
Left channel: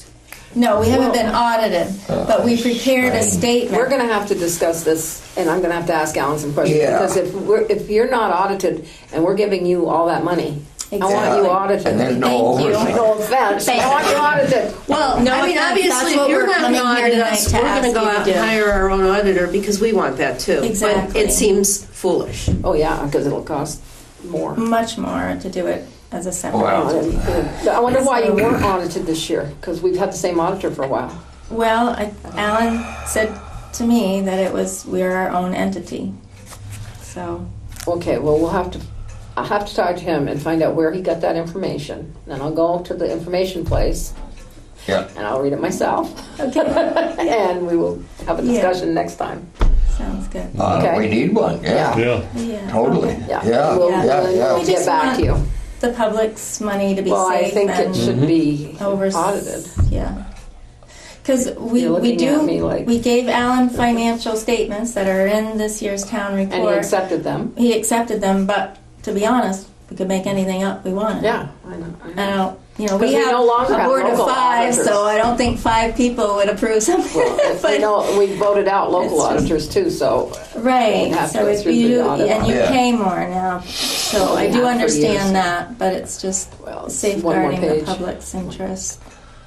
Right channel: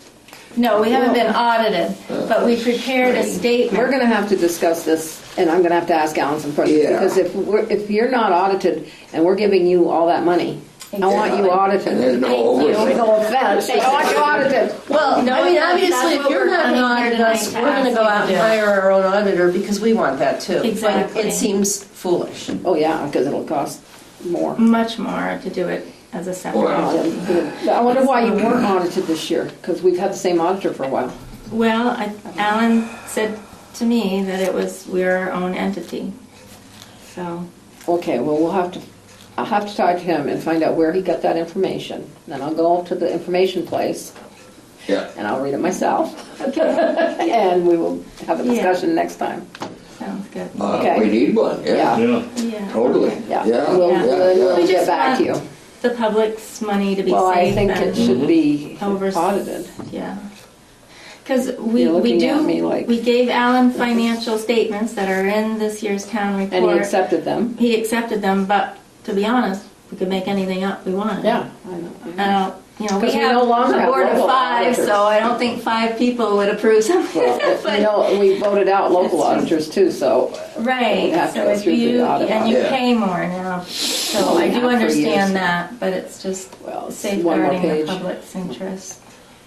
No, we haven't been audited, but we prepared a statement. We're gonna have to discuss this, and I'm gonna have to ask Alan some questions, Yeah. because if you're not audited and we're giving you all that money, I want you Exactly. audited. And there's no Thank you. oversight. No offense, I want you audited. Well, No, I mean, that's obviously, what if you're we're not coming going to here audit tonight us, to we're going to ask go you out to and do. hire our own auditor because we want that too. Exactly. But it seems foolish. Oh, yeah, because it'll cost more. Much more to do it as a separate. Wow. entity. I wonder why you weren't audited this year, because we've had the same auditor for a while. Well, Alan said to me that it was, we're our own entity. So, Okay, well, I'll have to talk to him and find out where he got that information. Then I'll go to the information place Yeah. and I'll read it myself. okay, And we will have a discussion next time. sounds good. Okay. We need one, yeah, Yeah. Yeah. totally. Yeah, Yeah, we'll, yeah, we'll yeah. get just back to you. want the public's money to be Well, I safe think it and should be over. audited. Yeah. Because we You're looking at do, me like- we gave Alan financial statements that are in this year's town And he report. accepted them. He accepted them, but to be honest, we could make anything up we wanted. Yeah, I know. You know, 'Cause we we have no longer a have board of local 5, auditors. so I don't think 5 people would approve something. Well, But- you know, we voted out local It's just- auditors too, so Right, You have to so go if through you, the audit. and you Yeah. pay more now, so Well, I we do have for years. understand that, but it's just well, it's one more safeguarding the page. public's interest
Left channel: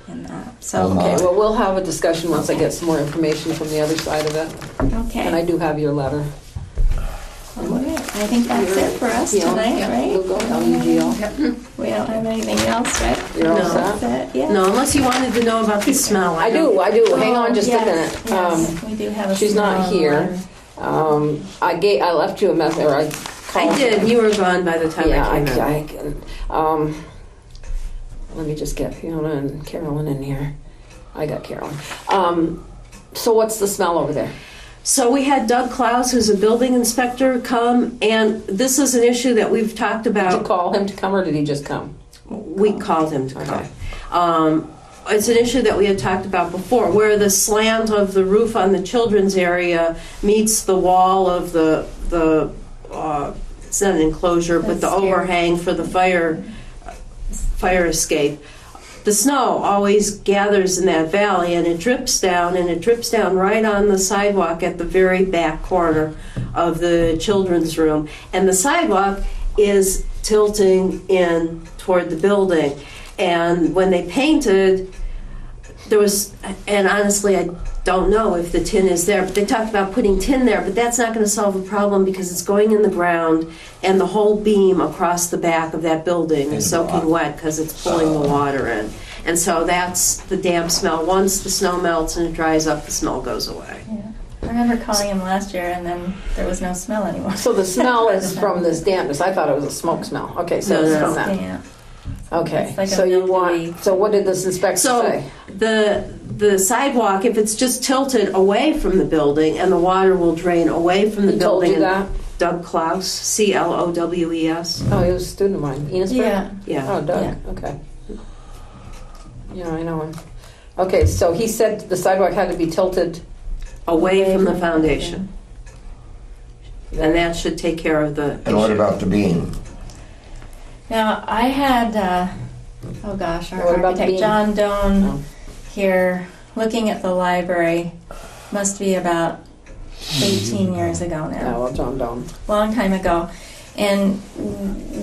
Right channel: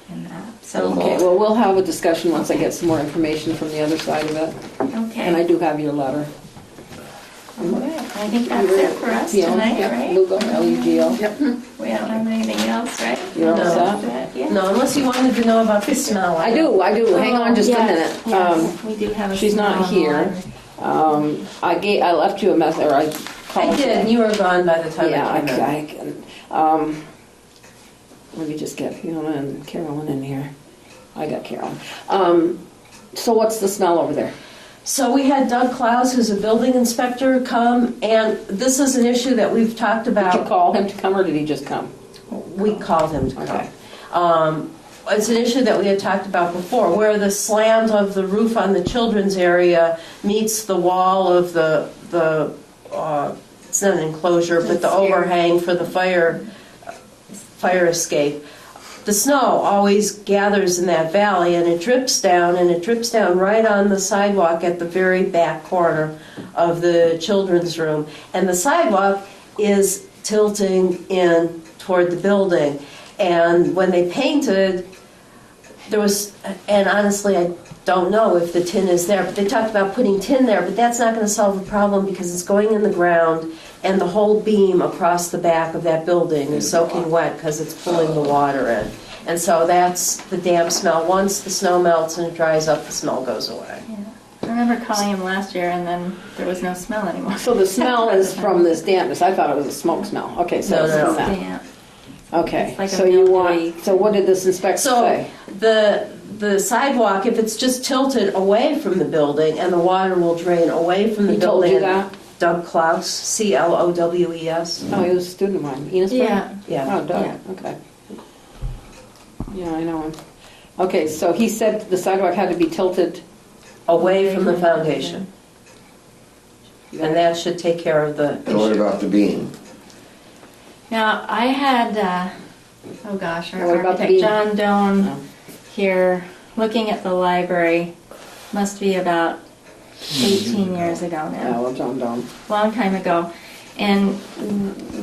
in that, so, Okay, well, we'll have a discussion once I get some more information from the other side of it. And I okay. do have your letter. All right, I think that's it for us Yeah, tonight, yep, right? Lugo, L-U-G-O. Yep. We don't have anything else, right? You're all No. set? That's it, yeah. No, unless you wanted to know about the smell. I do. Hang on just a Yes, minute. Yes, we do have a. she's not smell on here. water. I left you a message, or I did, you were gone by the time Yeah, I came in. I can. Let me just get Fiona and Carolyn in here. I got Carolyn. So what's the smell over there? So we had Doug Klaus, who's a building inspector, come, and this is an issue that we've talked Did you about. call him to come, or did he just come? We called him to come. Okay. It's an issue that we had talked about before, where the slant of the roof on the children's area meets the wall of the it's not an enclosure, but the The stair. overhang for the fire escape. The snow always gathers in that valley, and it drips down right on the sidewalk at the very back corner of the children's room. And the sidewalk is tilting in toward the building. And when they painted, there was, and honestly, I don't know if the tin is there, but they talked about putting tin there, but that's not going to solve the problem because it's going in the ground, and the whole beam across the back of that building is soaking wet because it's pulling the water in. And so that's the damp smell. Once the snow melts and it dries up, the smell goes away. I remember calling him last year and then there was no smell anymore. So the smell is from this dampness. I thought it was a smoke smell. Okay, so No, it's no, from it's that. Damp. Okay, It's like a so you milky want, way. so what did this inspector So say? the sidewalk, if it's just tilted away from the building and the water will drain away from the He told building. you that? Doug Klaus, C-L-O-W-E-S. Oh, he was a student of mine. Enosburg? Yeah. Yeah. Oh, Doug, Yeah. okay. Yeah, I know him. Okay, so he said the sidewalk had to be tilted. Away from the foundation. And that should take care of the And what issue. about the beam? Now, I had, oh gosh, our What about the architect, beam? John Doan, Oh. here, looking at the library, must be about 18 years ago now. No, John Dome. Long time ago. And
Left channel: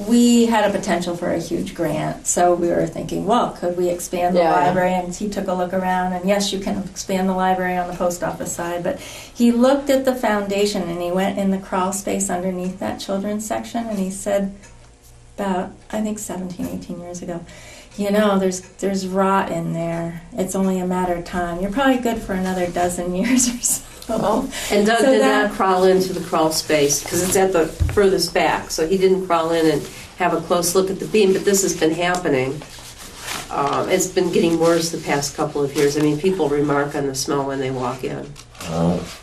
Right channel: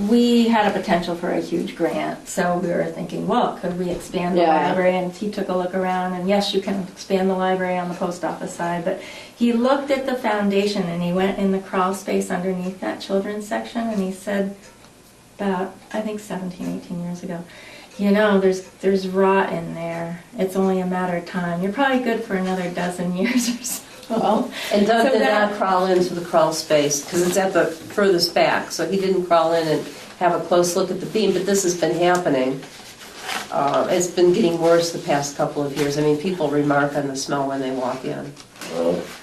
we had a potential for a huge grant, so we were thinking, well, could we expand the Yeah. library? And he took a look around, and yes, you can expand the library on the post office side, but he looked at the foundation and he went in the crawl space underneath that children's section, and he said about, I think 17, 18 years ago, you know, there's rot in there. It's only a matter of time. You're probably good for another dozen years or so. Well, And Doug So did that- not crawl into the crawl space because it's at the furthest back, so he didn't crawl in and have a close look at the beam, but this has been happening. It's been getting worse the past couple of years. I mean, people remark on the smell when they walk in.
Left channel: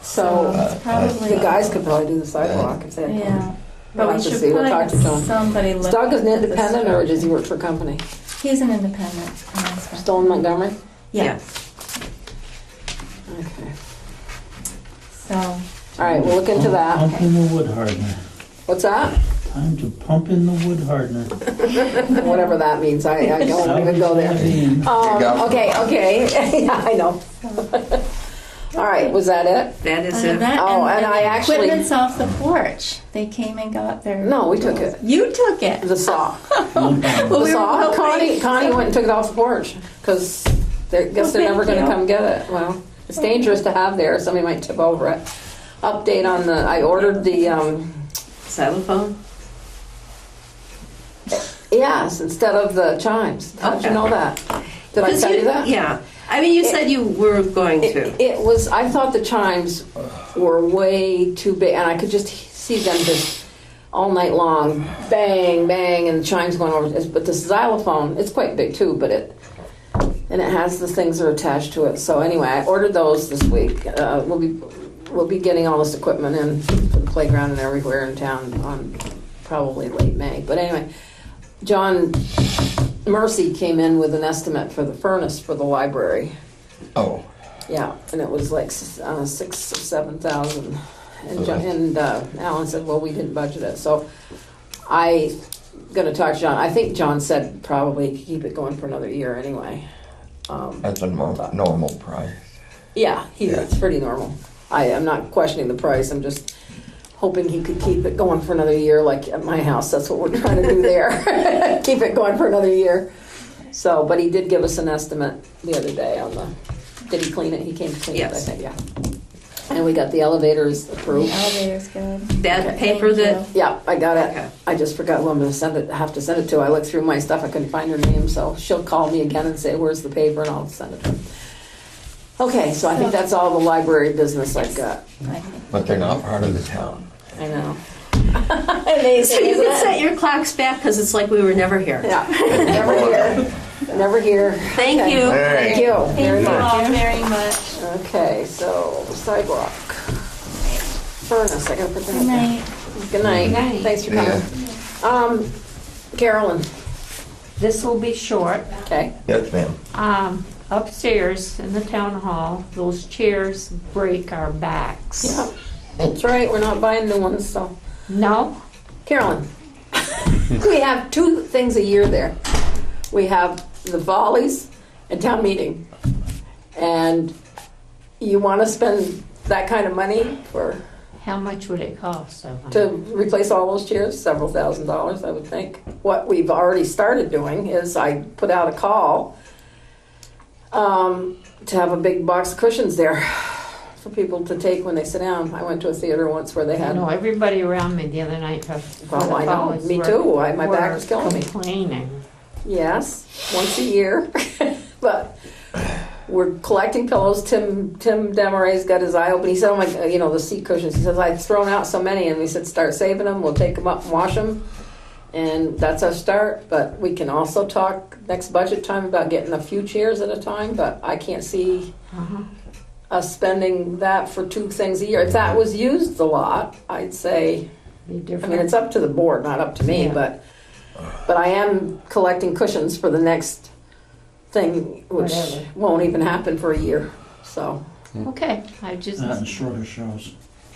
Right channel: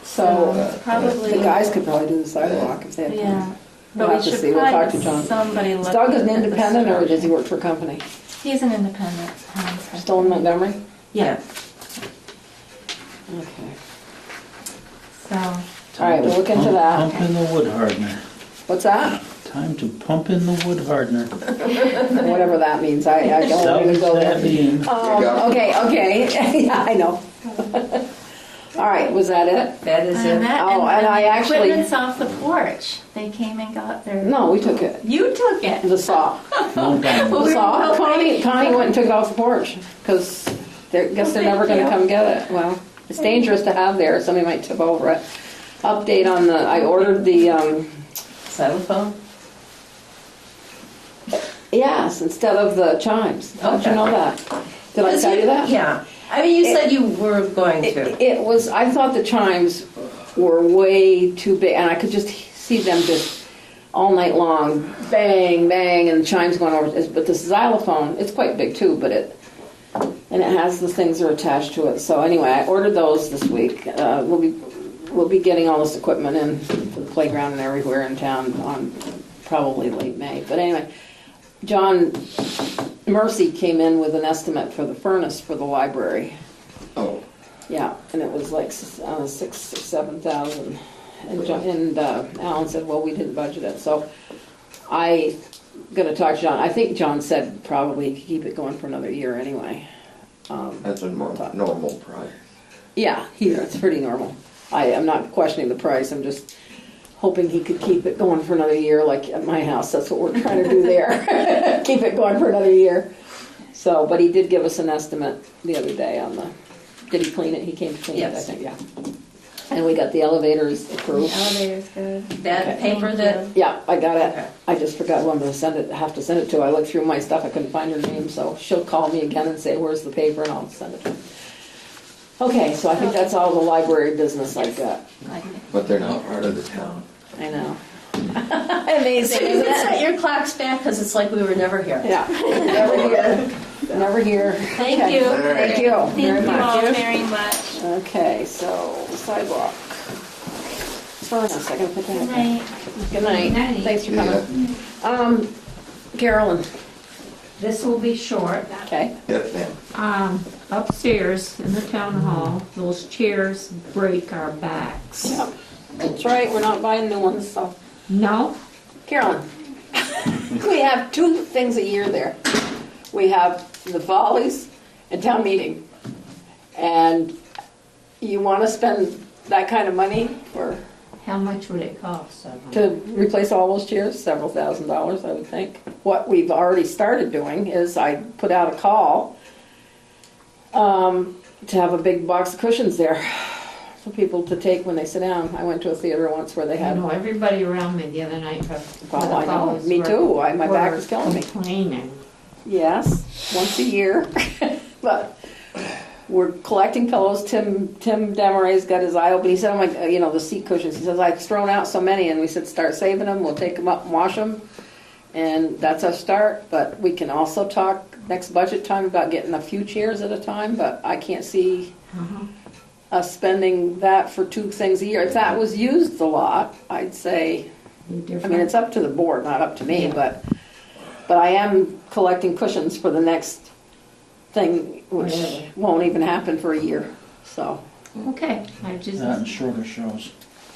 So, It's probably, you guys could probably do the sidewalk if they had. yeah. We'll But we have to should see. We'll talk probably to John. have somebody look. Is Doug an at this independent or structure. does he work for a company? He's an independent. Still in Montgomery? Yeah. Okay. So, All right, we'll look into that. Pump in the wood hardener. What's that? Time to pump in the wood hardener. Whatever that means, I don't want to go there. Self-savvying. Okay, yeah, I know. All right, was that it? That is and it. that, Oh, and I the actually- equipment's off the porch. They came and got their. No, we took it. You took it. The saw. Well, The saw. Connie went and took it off the porch because I guess they're never going to come get it. Well, it's dangerous to have there. Somebody might tip over it. Update on the, I ordered the, Xylophone? yes, instead of the chimes. How did you know that? Did I Because tell you that? Yeah. I mean, you said you were going to. It was, I thought the chimes were way too big, and I could just see them just all night long, bang, bang, and chimes going over. But the xylophone, it's quite big too, but and it has the things that are attached to it. So anyway, I ordered those this week. We'll be getting all this equipment in for the playground and everywhere in town on probably late May. But anyway, John Mercy came in with an estimate for the furnace for the library. Oh, Yeah, and it was like 6,000 or 7,000. And Alan said, well, we didn't budget it. So I gonna talk to John. I think John said probably keep it going for another year anyway. that's a normal price. Yeah, it's pretty normal. I'm not questioning the price. I'm just hoping he could keep it going for another year, like at my house. That's what we're trying to do there. Keep it going for another year. So, but he did give us an estimate the other day on the, did he clean it? He came to clean it, I Yes. think, yeah. And we got the elevators The approved. elevator's good. That Okay. paper that. Thank you. Yeah, I got it. Okay. I just forgot who I'm gonna have to send it to. I looked through my stuff, I couldn't find her name, so she'll call me again and say, where's the paper, and I'll send it to her. Okay, so I think that's all the library business I've got. But they're not part of the town. I know. So you can set your clocks back because it's like we were never here. Yeah, never here, never here. Thank Okay. you. All right. Thank you Thank very you much. all very much. Okay, so sidewalk. Furnace, I gotta put that Good in. night. Good night. Good night. Thanks for Yeah. coming. Carolyn, This will be short. okay. Yes, ma'am. Upstairs in the town hall, those chairs break our backs. Yeah, that's right, we're not buying new ones, so. No? Carolyn, we have two things a year there. We have the Follies and town meeting. And you want to spend that kind of money How much would it cost? to replace all those chairs? Several $1,000s, I would think. What we've already started doing is I put out a call to have a big box of cushions there for people to take when they sit down. I went to a theater once where they I had. know everybody around me the other night. Well, I know, me too. My back was killing me. Complaining. Yes, once a year. But we're collecting pillows. Tim Demaray's got his eye open. He said, oh my, the seat cushions. He says, I've thrown out so many. And we said, start saving them. We'll take them up and wash them. And that's our start. But we can also talk next budget time about getting a few chairs at a time. But I can't see Uh-huh. us spending that for two things a year. If that was used a lot, I'd say, Be I different. mean, it's up to the board, not up to me, Yeah. but I am collecting cushions for the next thing, which Whatever. won't even happen for a year, so. Okay, I just, That and shorter shows.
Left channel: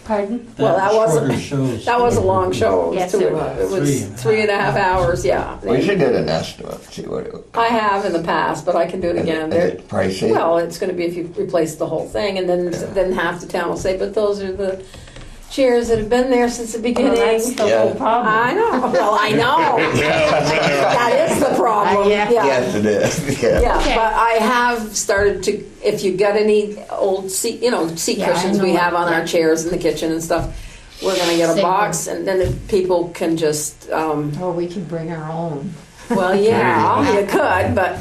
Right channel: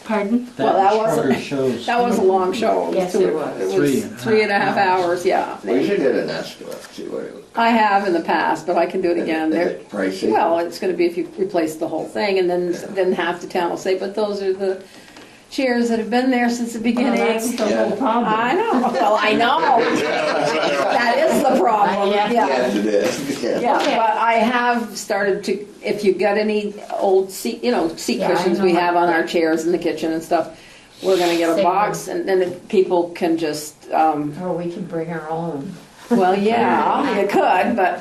pardon? Well, that and wasn't- shorter shows. That was a long show. Yes, two- it was. It was 3.5 hours, yeah. We should get an estimate, see what it would. I have in the past, but I can do it again. Is They're- it pricey? Well, it's gonna be if you replace the whole thing, and then half the town will say, but those are the chairs that have been there since the Well, beginning. that's the Yeah. whole problem. I know, well, I know. That is the problem, Yeah. Yes, it is, yeah. Yeah, Okay. but I have started to, if you got any old seat, seat Yeah, I cushions we know. have on our chairs in the kitchen and stuff, we're gonna get a Save box and then the people can just, Or we could bring our own. well, yeah, you could, but,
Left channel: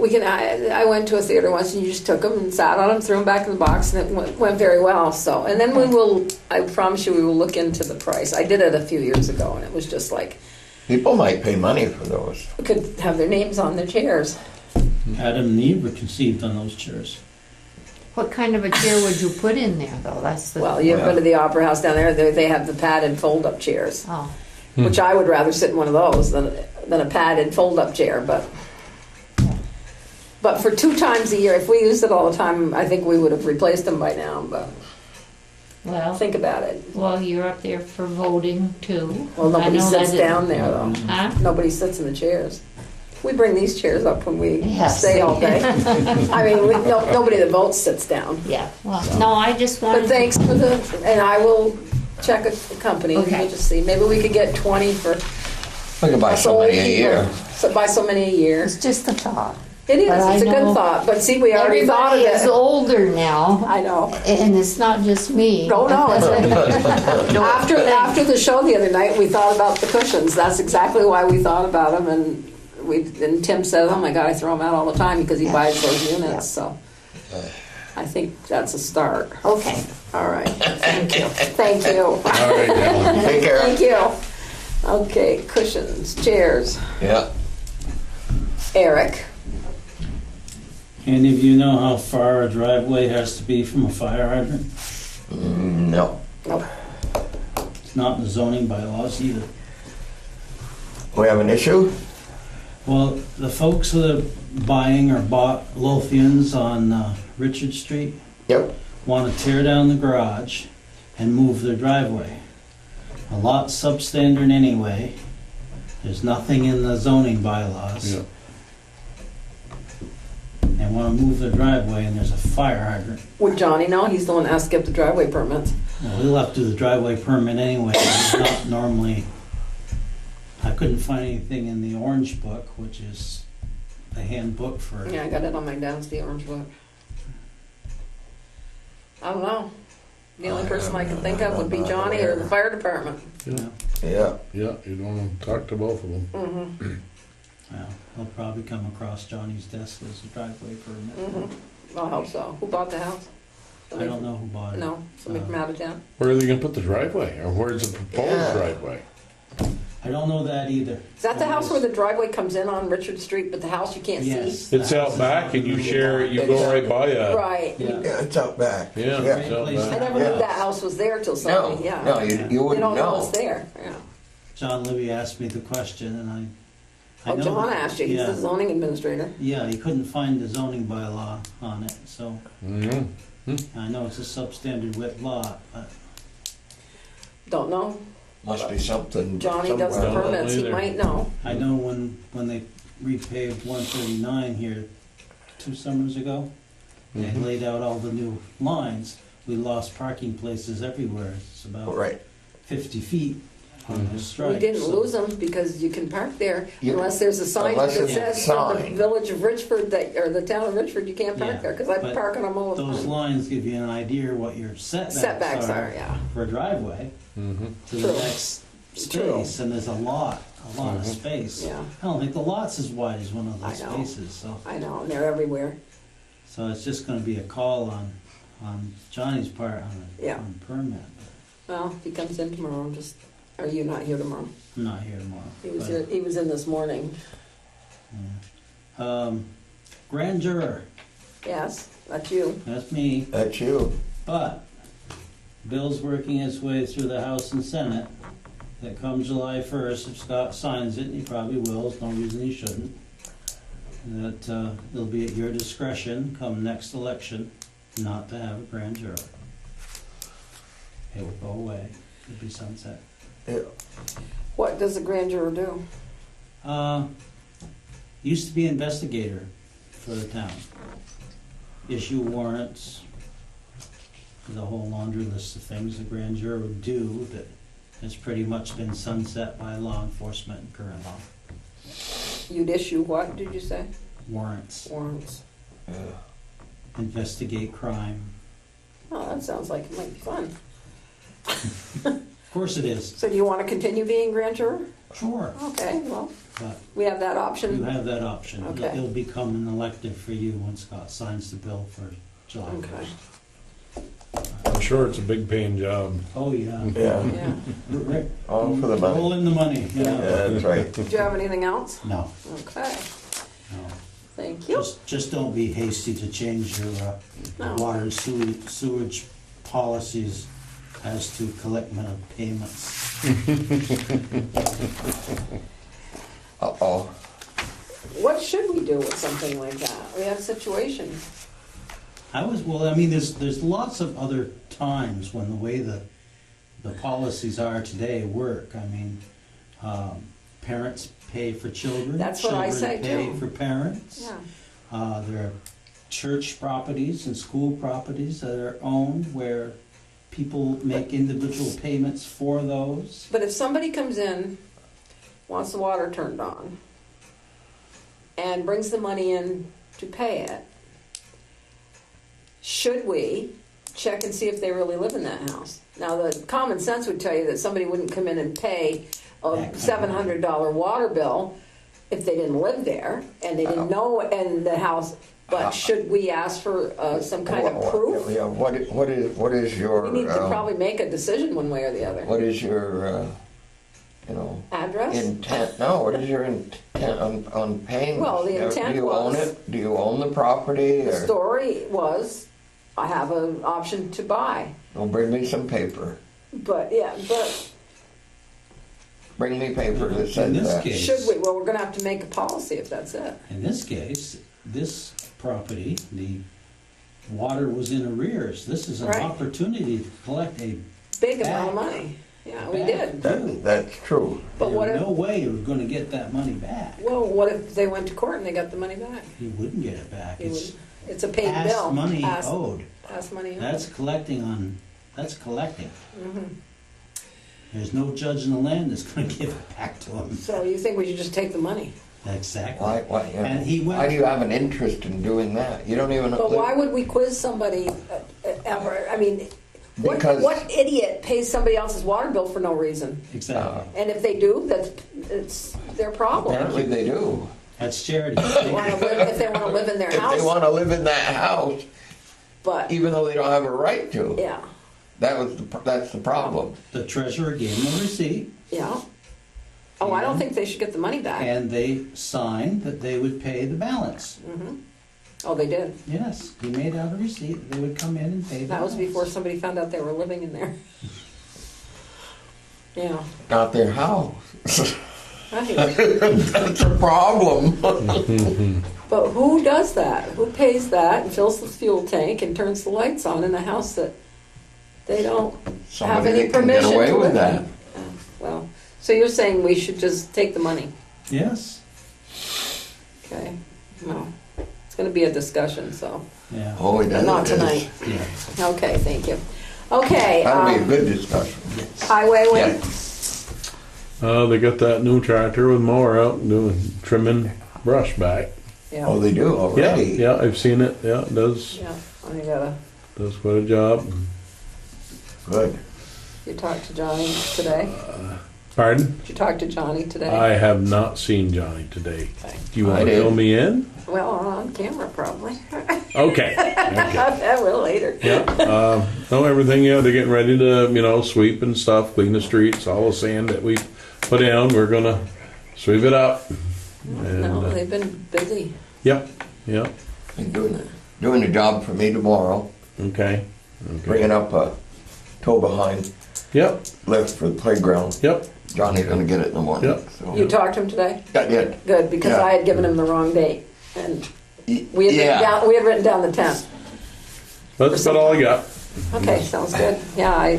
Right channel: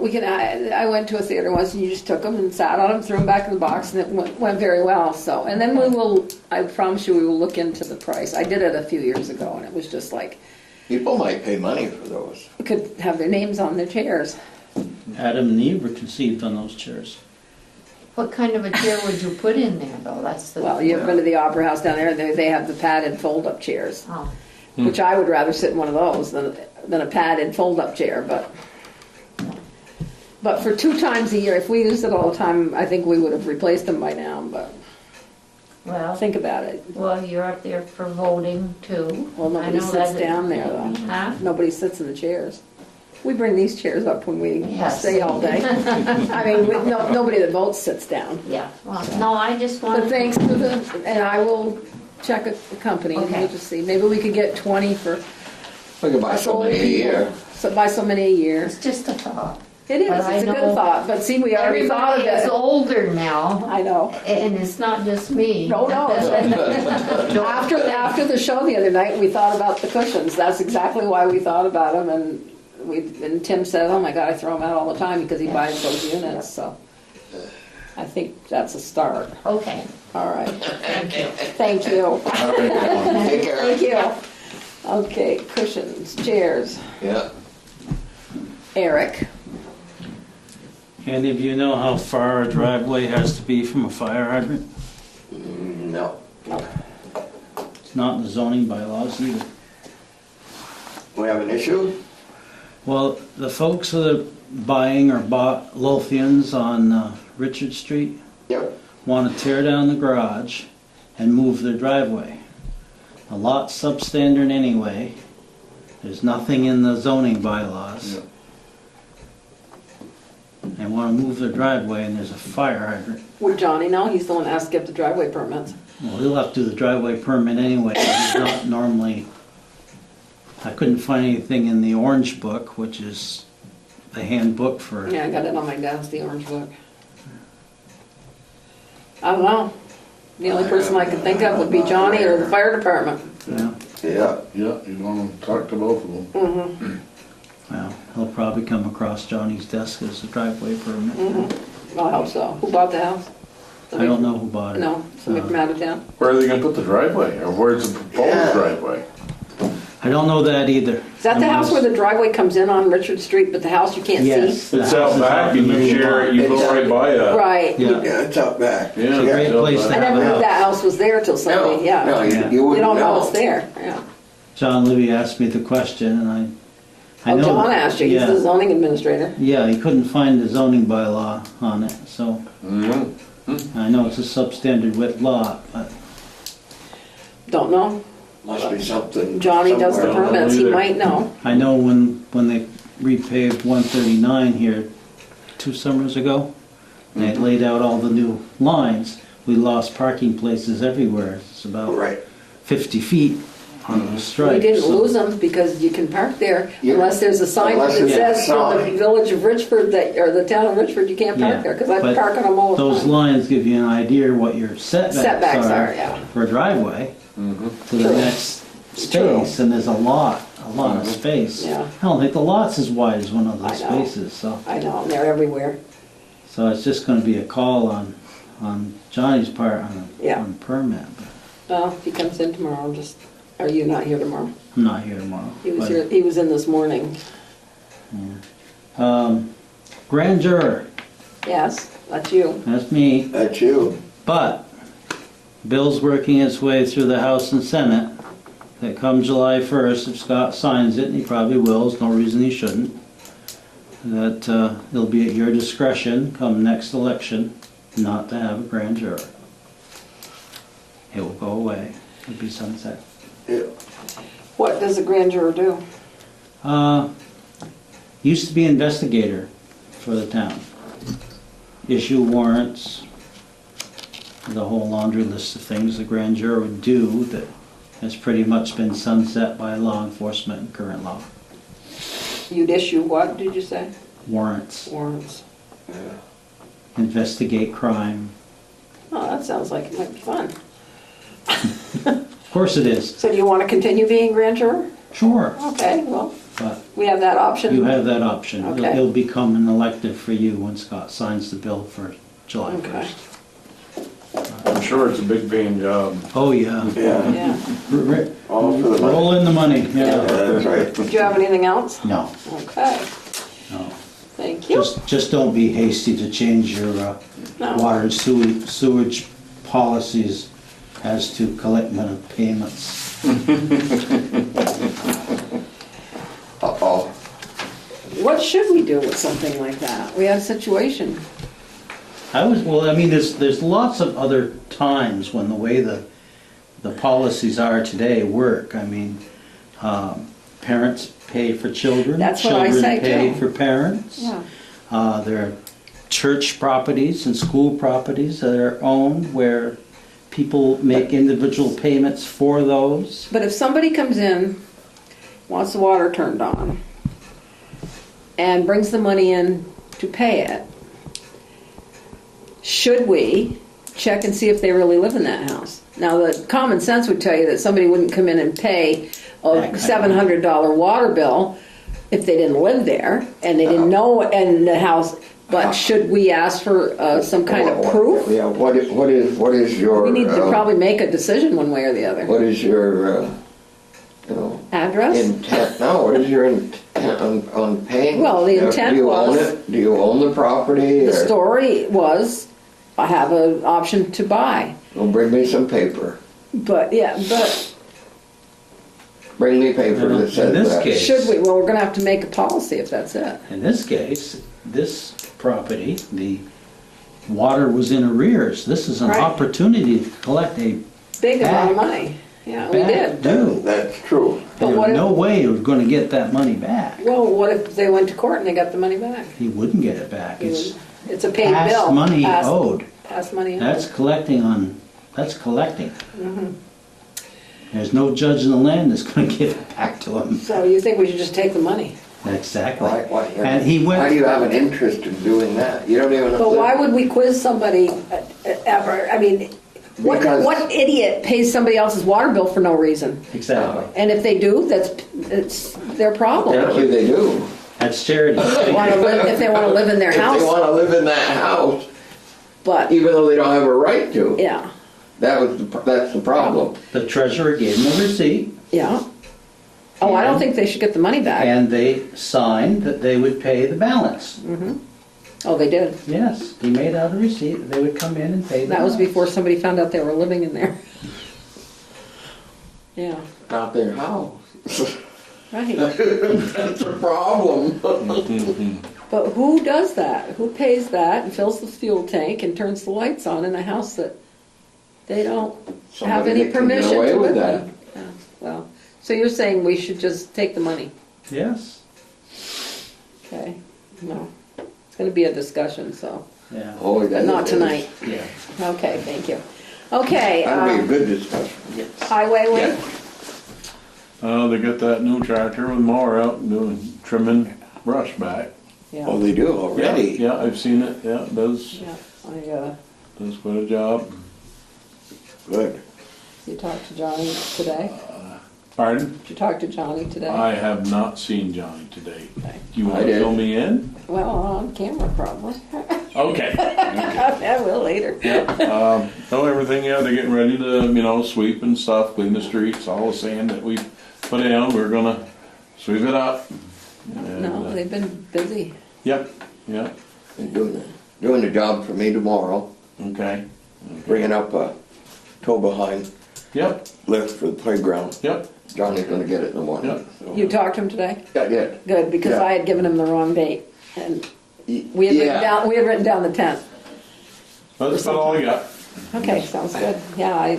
we can, I went to a theater once and you just took them and sat on them, threw them back in the box and it went very well, so. And then I promise you, we will look into the price. I did it a few years ago and it was just like, People might pay money for those. we could have their names on their chairs. Adam and Eve were conceived on those chairs. What kind of a chair would you put in there, though? That's the. Well, you ever go to the Opera House down there, they have the padded fold-up chairs. Oh, Which I would rather sit in one of those than a padded fold-up chair, but for 2 times a year, if we used it all the time, I think we would have replaced them by now, but well, think about it. well, you're up there for voting too. Well, I nobody know sits that- down there though. Huh? Nobody sits in the chairs. We bring these chairs up when we Yes. stay all day. I mean, nobody that votes sits down. Yeah, well, no, I just But want, thanks for and I will check with the company, Okay. we'll just see, maybe we could get 20 for We could buy us so old many a people. year. So buy so many a year. it's just a thought. It is, But I it's a good know thought, but see, we already thought of Everybody is it. older now, I know. and it's not just me. No, after the show the other night, we thought about the cushions. That's exactly why we thought about them, and Tim said, "Oh my God, I throw them out all the time because he buys those units." So I think that's a start. Okay, All right. Thank you. Thank you. All right. Take care. Thank you. Okay, cushions, chairs. Yeah. Eric. Any of you know how far a driveway has to be from a fire hydrant? No. It's not in the zoning bylaws either. We have an issue? Well, the folks that are buying or bought Lothians on Richard Street Yep. want to tear down the garage and move their driveway. A lot's substandard anyway. There's nothing in the zoning bylaws. Yeah. They want to move their driveway and there's a fire hydrant. Would Johnny know? He's the one that has to get the driveway permits. Well, he'll have to do the driveway permit anyway. He's not normally, I couldn't find anything in the orange book, which is the handbook for, Yeah, I got it on my desk, the orange book. I don't know. The only person I could think of would be Johnny or the fire department. you know. Yeah. Yeah, you want to talk to both of them. Mm-hmm, Well, he'll probably come across Johnny's desk as a driveway permit. mm-hmm. I hope so. Who bought the house? I don't know who bought it. No, somebody from out of town. Where are they gonna put the driveway, or where's the proposed Yeah. driveway? I don't know that either. Is that the house where the driveway comes in on Richard Street, but the house you can't Yes. see? It's out back and you share it, you go right by a. Right. Yeah. Yeah, it's out back. Yeah. It's a great it's out place back. to I have never a knew house. that house was there till Sunday, No, yeah. you You wouldn't don't know know. it's there, yeah. John Libby asked me the question and I Oh, know. John asked you, he's Yeah. the zoning administrator. Yeah, he couldn't find the zoning bylaw on it, so Mhm. I know it's a substandard width lot, but Don't know. Must be something. Johnny does the somewhere. permits, he either. might know. I know when they repaved 139 here 2 summers ago, and they laid out all the new lines, we lost parking places everywhere. It's about Right. 50 feet on those stripes. We didn't so- lose them because you can park there You- unless there's a sign that unless there's a says for the sign. village of Richford that, or the town of Richford, you can't Yeah, park there, because I but park on them all the Those time. lines give you an idea what your Setbacks are, yeah. for a driveway Mhm. to the True. next space, and there's a lot of space. Yeah. I don't think the lot's as wide as one of those I know. spaces, so. I know, they're everywhere. So it's just gonna be a call on Johnny's part Yeah. on permit. But Well, if he comes in tomorrow, are you not here tomorrow? I'm not here tomorrow. He was but, here, he was in this morning. Grand juror, Yes, that's you. that's me, That's you. but Bill's working his way through the House and Senate. That come July 1st, if Scott signs it, and he probably will, there's no reason he shouldn't, that it'll be at your discretion come next election not to have a grand juror. It will go away, it'll be sunset. Yeah. What does a grand juror do? Used to be investigator for the town. Issue warrants, the whole laundry list of things the grand jury would do that has pretty much been sunset by law enforcement and current law. You'd issue what, did you say? Warrants, Warrants. investigate crime. Oh, that sounds like it might be fun. Of course it is, So do you want to continue being grand juror? sure, Okay, well, but we have that option. you have that option. Okay. It'll become an elective for you when Scott signs the bill for July Okay. 1st. I'm sure it's a big paying job. Oh, yeah. Yeah. Yeah. All for the money. Roll in the money, yeah. That's right. Do you have anything else? No, Okay, no. thank you. Just don't be hasty to change your No. water and sewage policies as to collecting of payments. Uh-oh. What should we do with something like that? We have a situation. There's lots of other times when the way the policies are today work. I mean, parents pay for children. That's what I say, Children pay too. for parents. Yeah. There are church properties and school properties that are owned where people make individual payments for those. But if somebody comes in, wants the water turned on, and brings the money in to pay it, should we check and see if they really live in that house? Now, the common sense would tell you that somebody wouldn't come in and pay a That kind of- $700 water bill if they didn't live there and they didn't know in the house. But should we ask for some kind of proof? Yeah, what is your... We need to probably make a decision one way or the other. What is your, Address? intent? No, what is your intent on paying? Well, the Do intent you was- own it? Do you own the property? The or- story was, I have an option to buy. Well, bring me some paper. But, Bring me paper that In says this that. case- should we? Well, we're gonna have to make a policy if that's it. In this case, this property, the water was in arrears. This is an Right. opportunity to collect a Big amount of money. Yeah, we back did. due. That's true. But There's what if- no way you're gonna get that money back. Well, what if they went to court and they got the money back? You wouldn't get it back. It's It's a paid bill. past money Past- owed. Past money owed. That's collecting. Mhm. There's no judge in the land that's gonna give it back to him. So you think we should just take the money? Exactly. Why, And he why do went, you have an interest in doing that? You don't even... But why would we quiz somebody ever? I mean, Because- what idiot pays somebody else's water bill for no reason? exactly. And if they do, it's their problem. Apparently they do. That's charity. If they wanna live in their If they house, want to live in that house, but, even though they don't have a right to. yeah, That's the problem. The treasurer gave him a receipt, yeah. Oh, I don't think they should get the money back. and they signed that they would pay the balance. Oh, they did. Yes, he made out a receipt, that they would come in and pay the That was balance. before somebody found out they were living in there. Yeah, Not their house. right. That's a problem. But who does that? Who pays that and fills the fuel tank and turns the lights on in a house that they don't have Somebody any that can permission get away to with live that. in? Yeah, well, so you're saying we should just take the money? Yes, Okay, no. It's gonna be a discussion, so, yeah, Oh, that not is- tonight. yeah, Okay, thank you. Okay, That'll be a good discussion. yes. highway, They got that new tractor with mower out and doing trimming brush back. Oh, yeah, they do Yeah, already? yeah, I've seen it. Yeah, it does yeah, I gotta, quite a job. Good. you talked to Johnny today? Pardon? Did you talk to Johnny today? I have not seen Johnny today. Okay. Do you want I to did. fill me in? Well, on camera probably. Okay. Okay. I will later. Yeah. No, everything. Yeah, they're getting ready to sweep and stuff, clean the streets. All the sand that we put in, we're gonna sweep it up. And, No, they've been busy. Yep. Yep. Been doing the job for me tomorrow, Okay. bringing up a tow-behind Yep. lift for the playground. Yep. Johnny's gonna get it in the morning. Yep. so. You talked to him today? I did. Good, because Yeah. I had given him the wrong date. And we had written down the 10th. That's about all I got. Okay, sounds good. Yeah,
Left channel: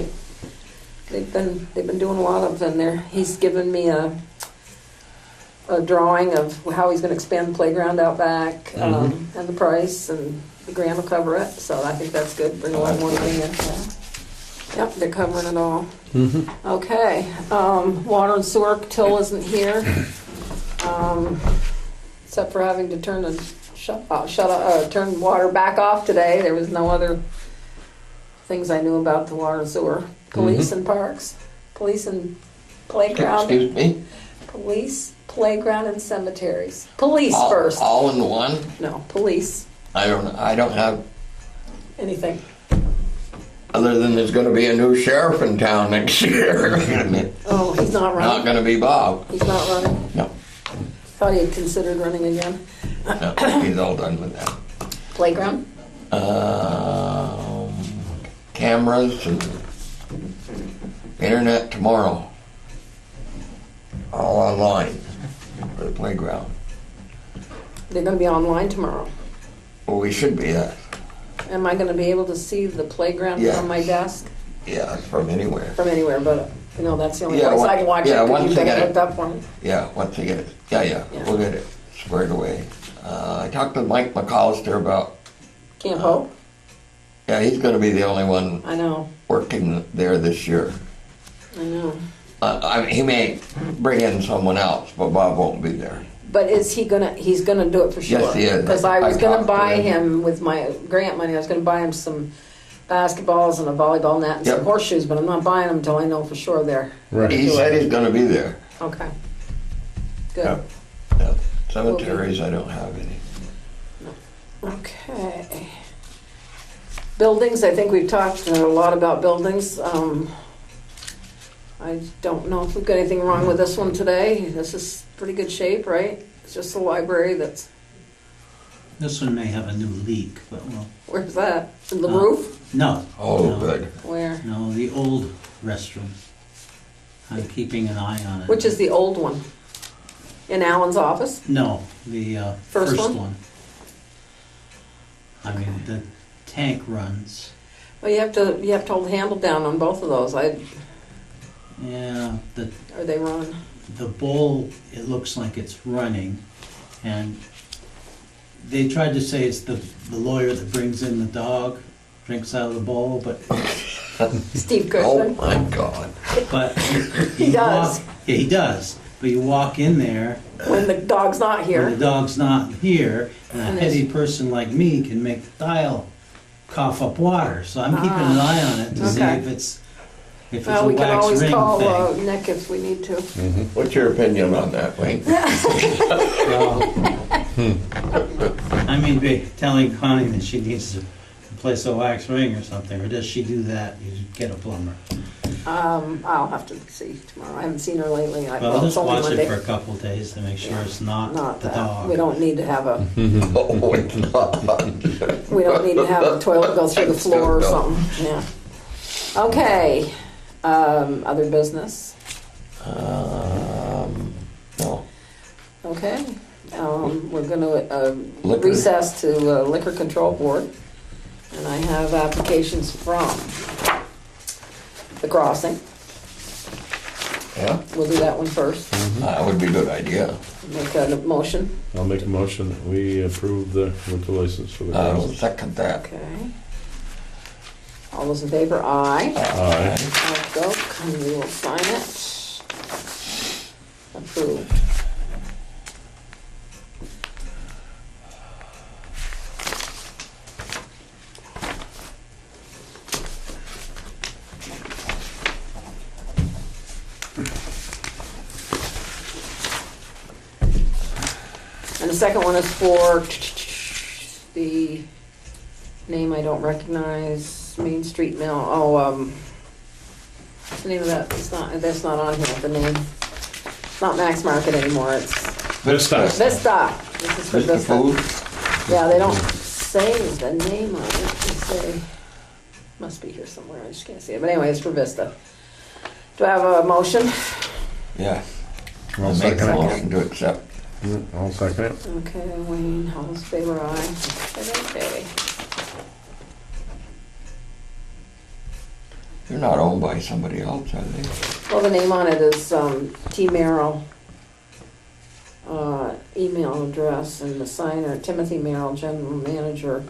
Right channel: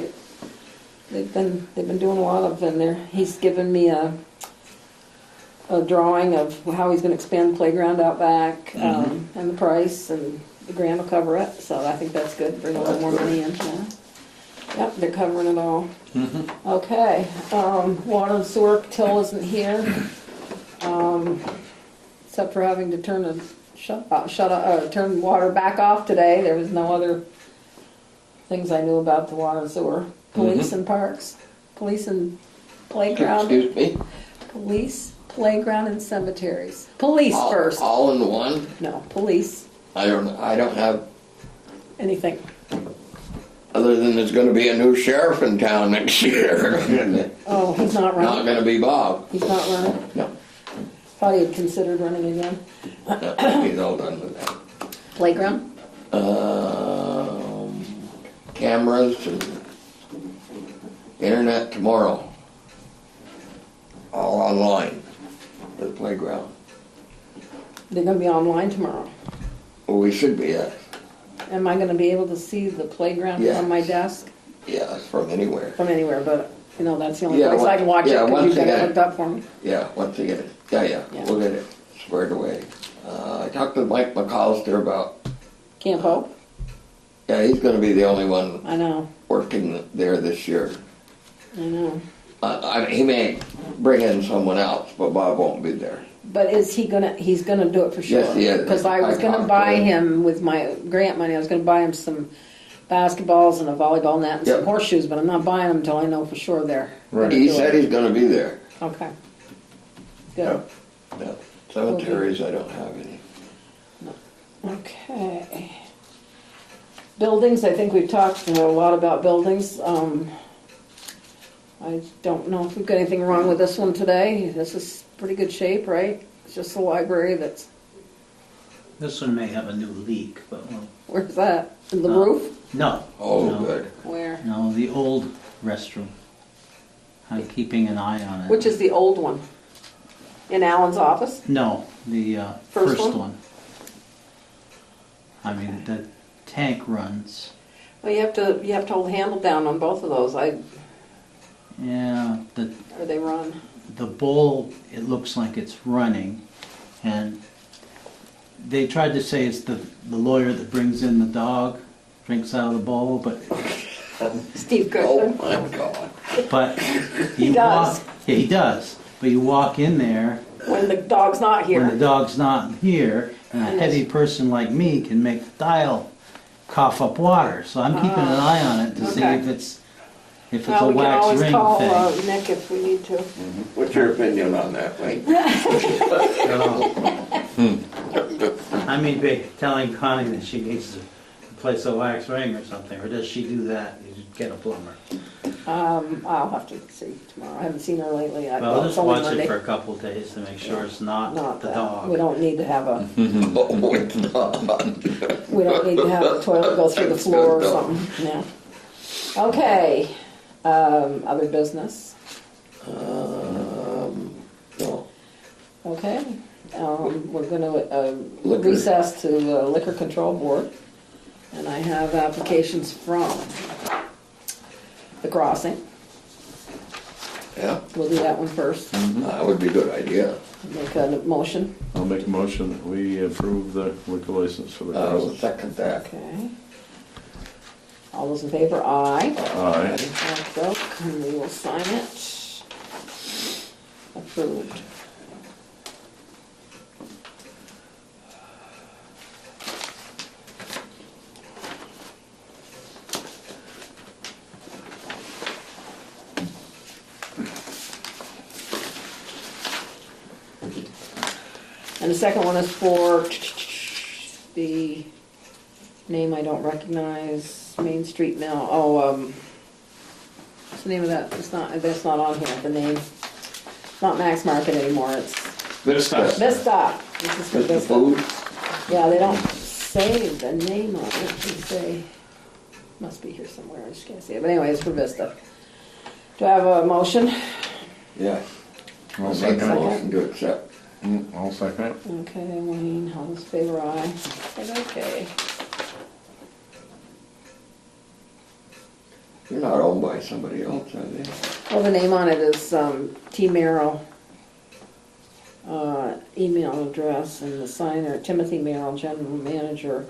they've been doing a lot of them there. He's given me a drawing of how he's gonna expand the playground out back, and the price, and the grant will cover it, so I think that's good, bring a little more money in. Yeah. Yep, they're covering it all. Okay, water and sewer, Till isn't here. Except for having to turn water back off today. There was no other things I knew about the water and sewer. Police and parks, police and playground. Excuse me? Police, playground and cemeteries. Police first. All in one? No, police, I don't have, anything. other than there's gonna be a new sheriff in town next year. Oh, he's not Not running? gonna be Bob. He's not running? No, Thought he had considered running again. no, he's all done with that. Playground? Cameras and internet tomorrow. All online for the playground. They're gonna be online tomorrow. Well, we should be, Am I gonna be able to see the playground Yeah. on my desk yeah, from anywhere. from anywhere? But, you know, that's the only Yeah, place I can watch it, yeah, because once you they got get it it. hooked up for me. Yeah, once they get it, yeah, Yeah. we'll get it squared away. I talked to Mike McAllister about, Camp Hope? yeah, he's gonna be the only one I know, working there this year. I know. He may bring in someone else, but Bob won't be there. But is he gonna, he's gonna do it for sure? Yes, he is. Because I was I gonna talked to buy him. him with my grant money, I was gonna buy him some basketballs and a volleyball net and some Yep. horseshoes, but I'm not buying them until I know for sure they're. Right. He said he's gonna be there. Okay. Good. Yep. Yep. Cemeteries, I don't have any. Okay. Buildings, I think we've talked a lot about buildings. I don't know if we've got anything wrong with this one today. This is pretty good shape, right? It's just the library that's, This one may have a new leak, but well, where's that? In the roof? no. Oh, no, good. Where? No, the old restroom. I'm keeping an eye on it. Which is the old one? In Alan's office? No, the First first one? one. I mean, the tank runs. Well, you have to hold the handle down on both of those. Yeah, Are they run? the bowl, it looks like it's running, and they tried to say it's the lawyer that brings in the dog, drinks out of the bowl, but Steve Oh, Kirsten? my God. He you does. yeah, he does. But you walk in there When the dog's not when the here. dog's not here, and a And heavy person like me can make the dial cough up water. So I'm keeping an eye on it to see Okay. if it's Well, a we can wax always ring call thing. Nick if we need to. What's your opinion on that, Wayne? I mean, telling Connie that she needs to replace a wax ring or something, or does she do that? You just get a plumber. I'll have to see tomorrow. I haven't seen her lately. Well, it's just only watch Monday. it for a couple of days to make sure it's not the that. dog. We don't need to have a, Oh, it's not. we don't need to have a toilet go through the floor or No. something, yeah. Okay, other business, No. okay. We're gonna Liquor. recess to Liquor Control Board. And I have applications from the crossing. Yeah, We'll do that one first. that would be a good idea. Make a motion. I'll make a motion that we approve the liquor license for the I'll crossing. second that. Okay. All those in favor, aye. Aye. Let's go, and we will sign it. Approved. And the second one is for the name I don't recognize, Main Street Mill, what's the name of that? That's not on here, the name. It's not Max Market anymore, it's Vista. Vista. This is for Just the Vista. food? Yeah, they don't say the name of it, they say, must be here somewhere, I just can't see it, but anyway, it's for Vista. Do I have a motion? Yeah. I'll I'll make second a it. motion to accept. I'll second it. Okay, Wayne, all those in favor, aye. Okay. They're not owned by somebody else, are they? Well, the name on it is T. Merrill, email address, and the signer, Timothy Merrill, general manager,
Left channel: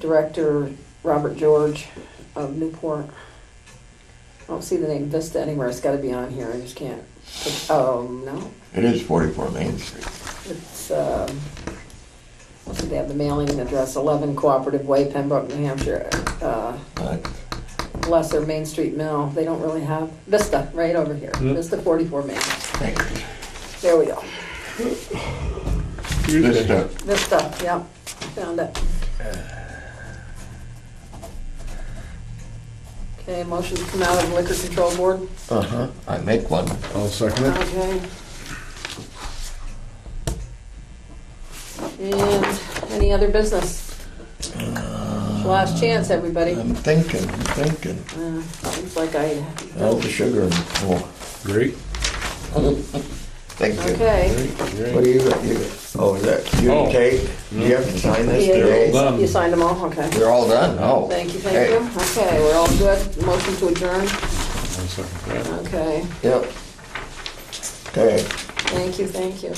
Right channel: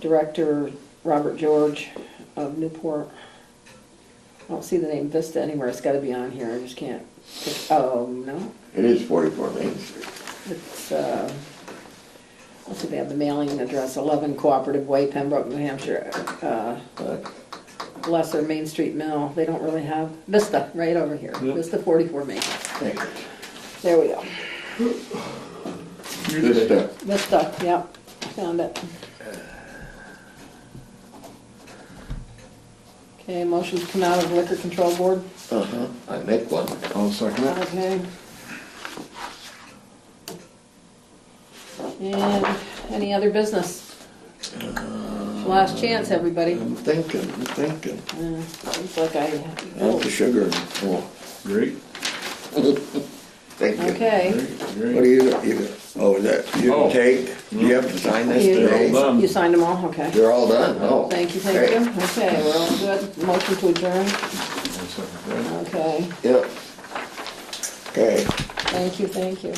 Director Robert George of Newport. I don't see the name Vista anywhere, it's gotta be on here, I just can't. Oh, no, It is 44 Main Street. it's, they have the mailing address, 11 Cooperative Way, Pembroke, New Hampshire. Lesser Main Street Mill, they don't really have, Vista, right over here, Yep. Vista 44 Main. Thank you. There we go, Vista. Vista, yep, found it. Okay, motion to come out of Liquor Control Board, Uh-huh, I make one. I'll second that. okay. And any other business? Last chance, everybody. I'm thinking. Looks like I, All the sugar. Oh, Great. thank you. okay. What do you got? Oh, is that you Oh. take? Do you have to sign this Yeah, today? all done. You signed them all, okay. They're all done? Oh. Thank you, thank you. Okay, we're all good. Motion to adjourn, I'll second that. okay. Yep. Okay. Thank you, thank you.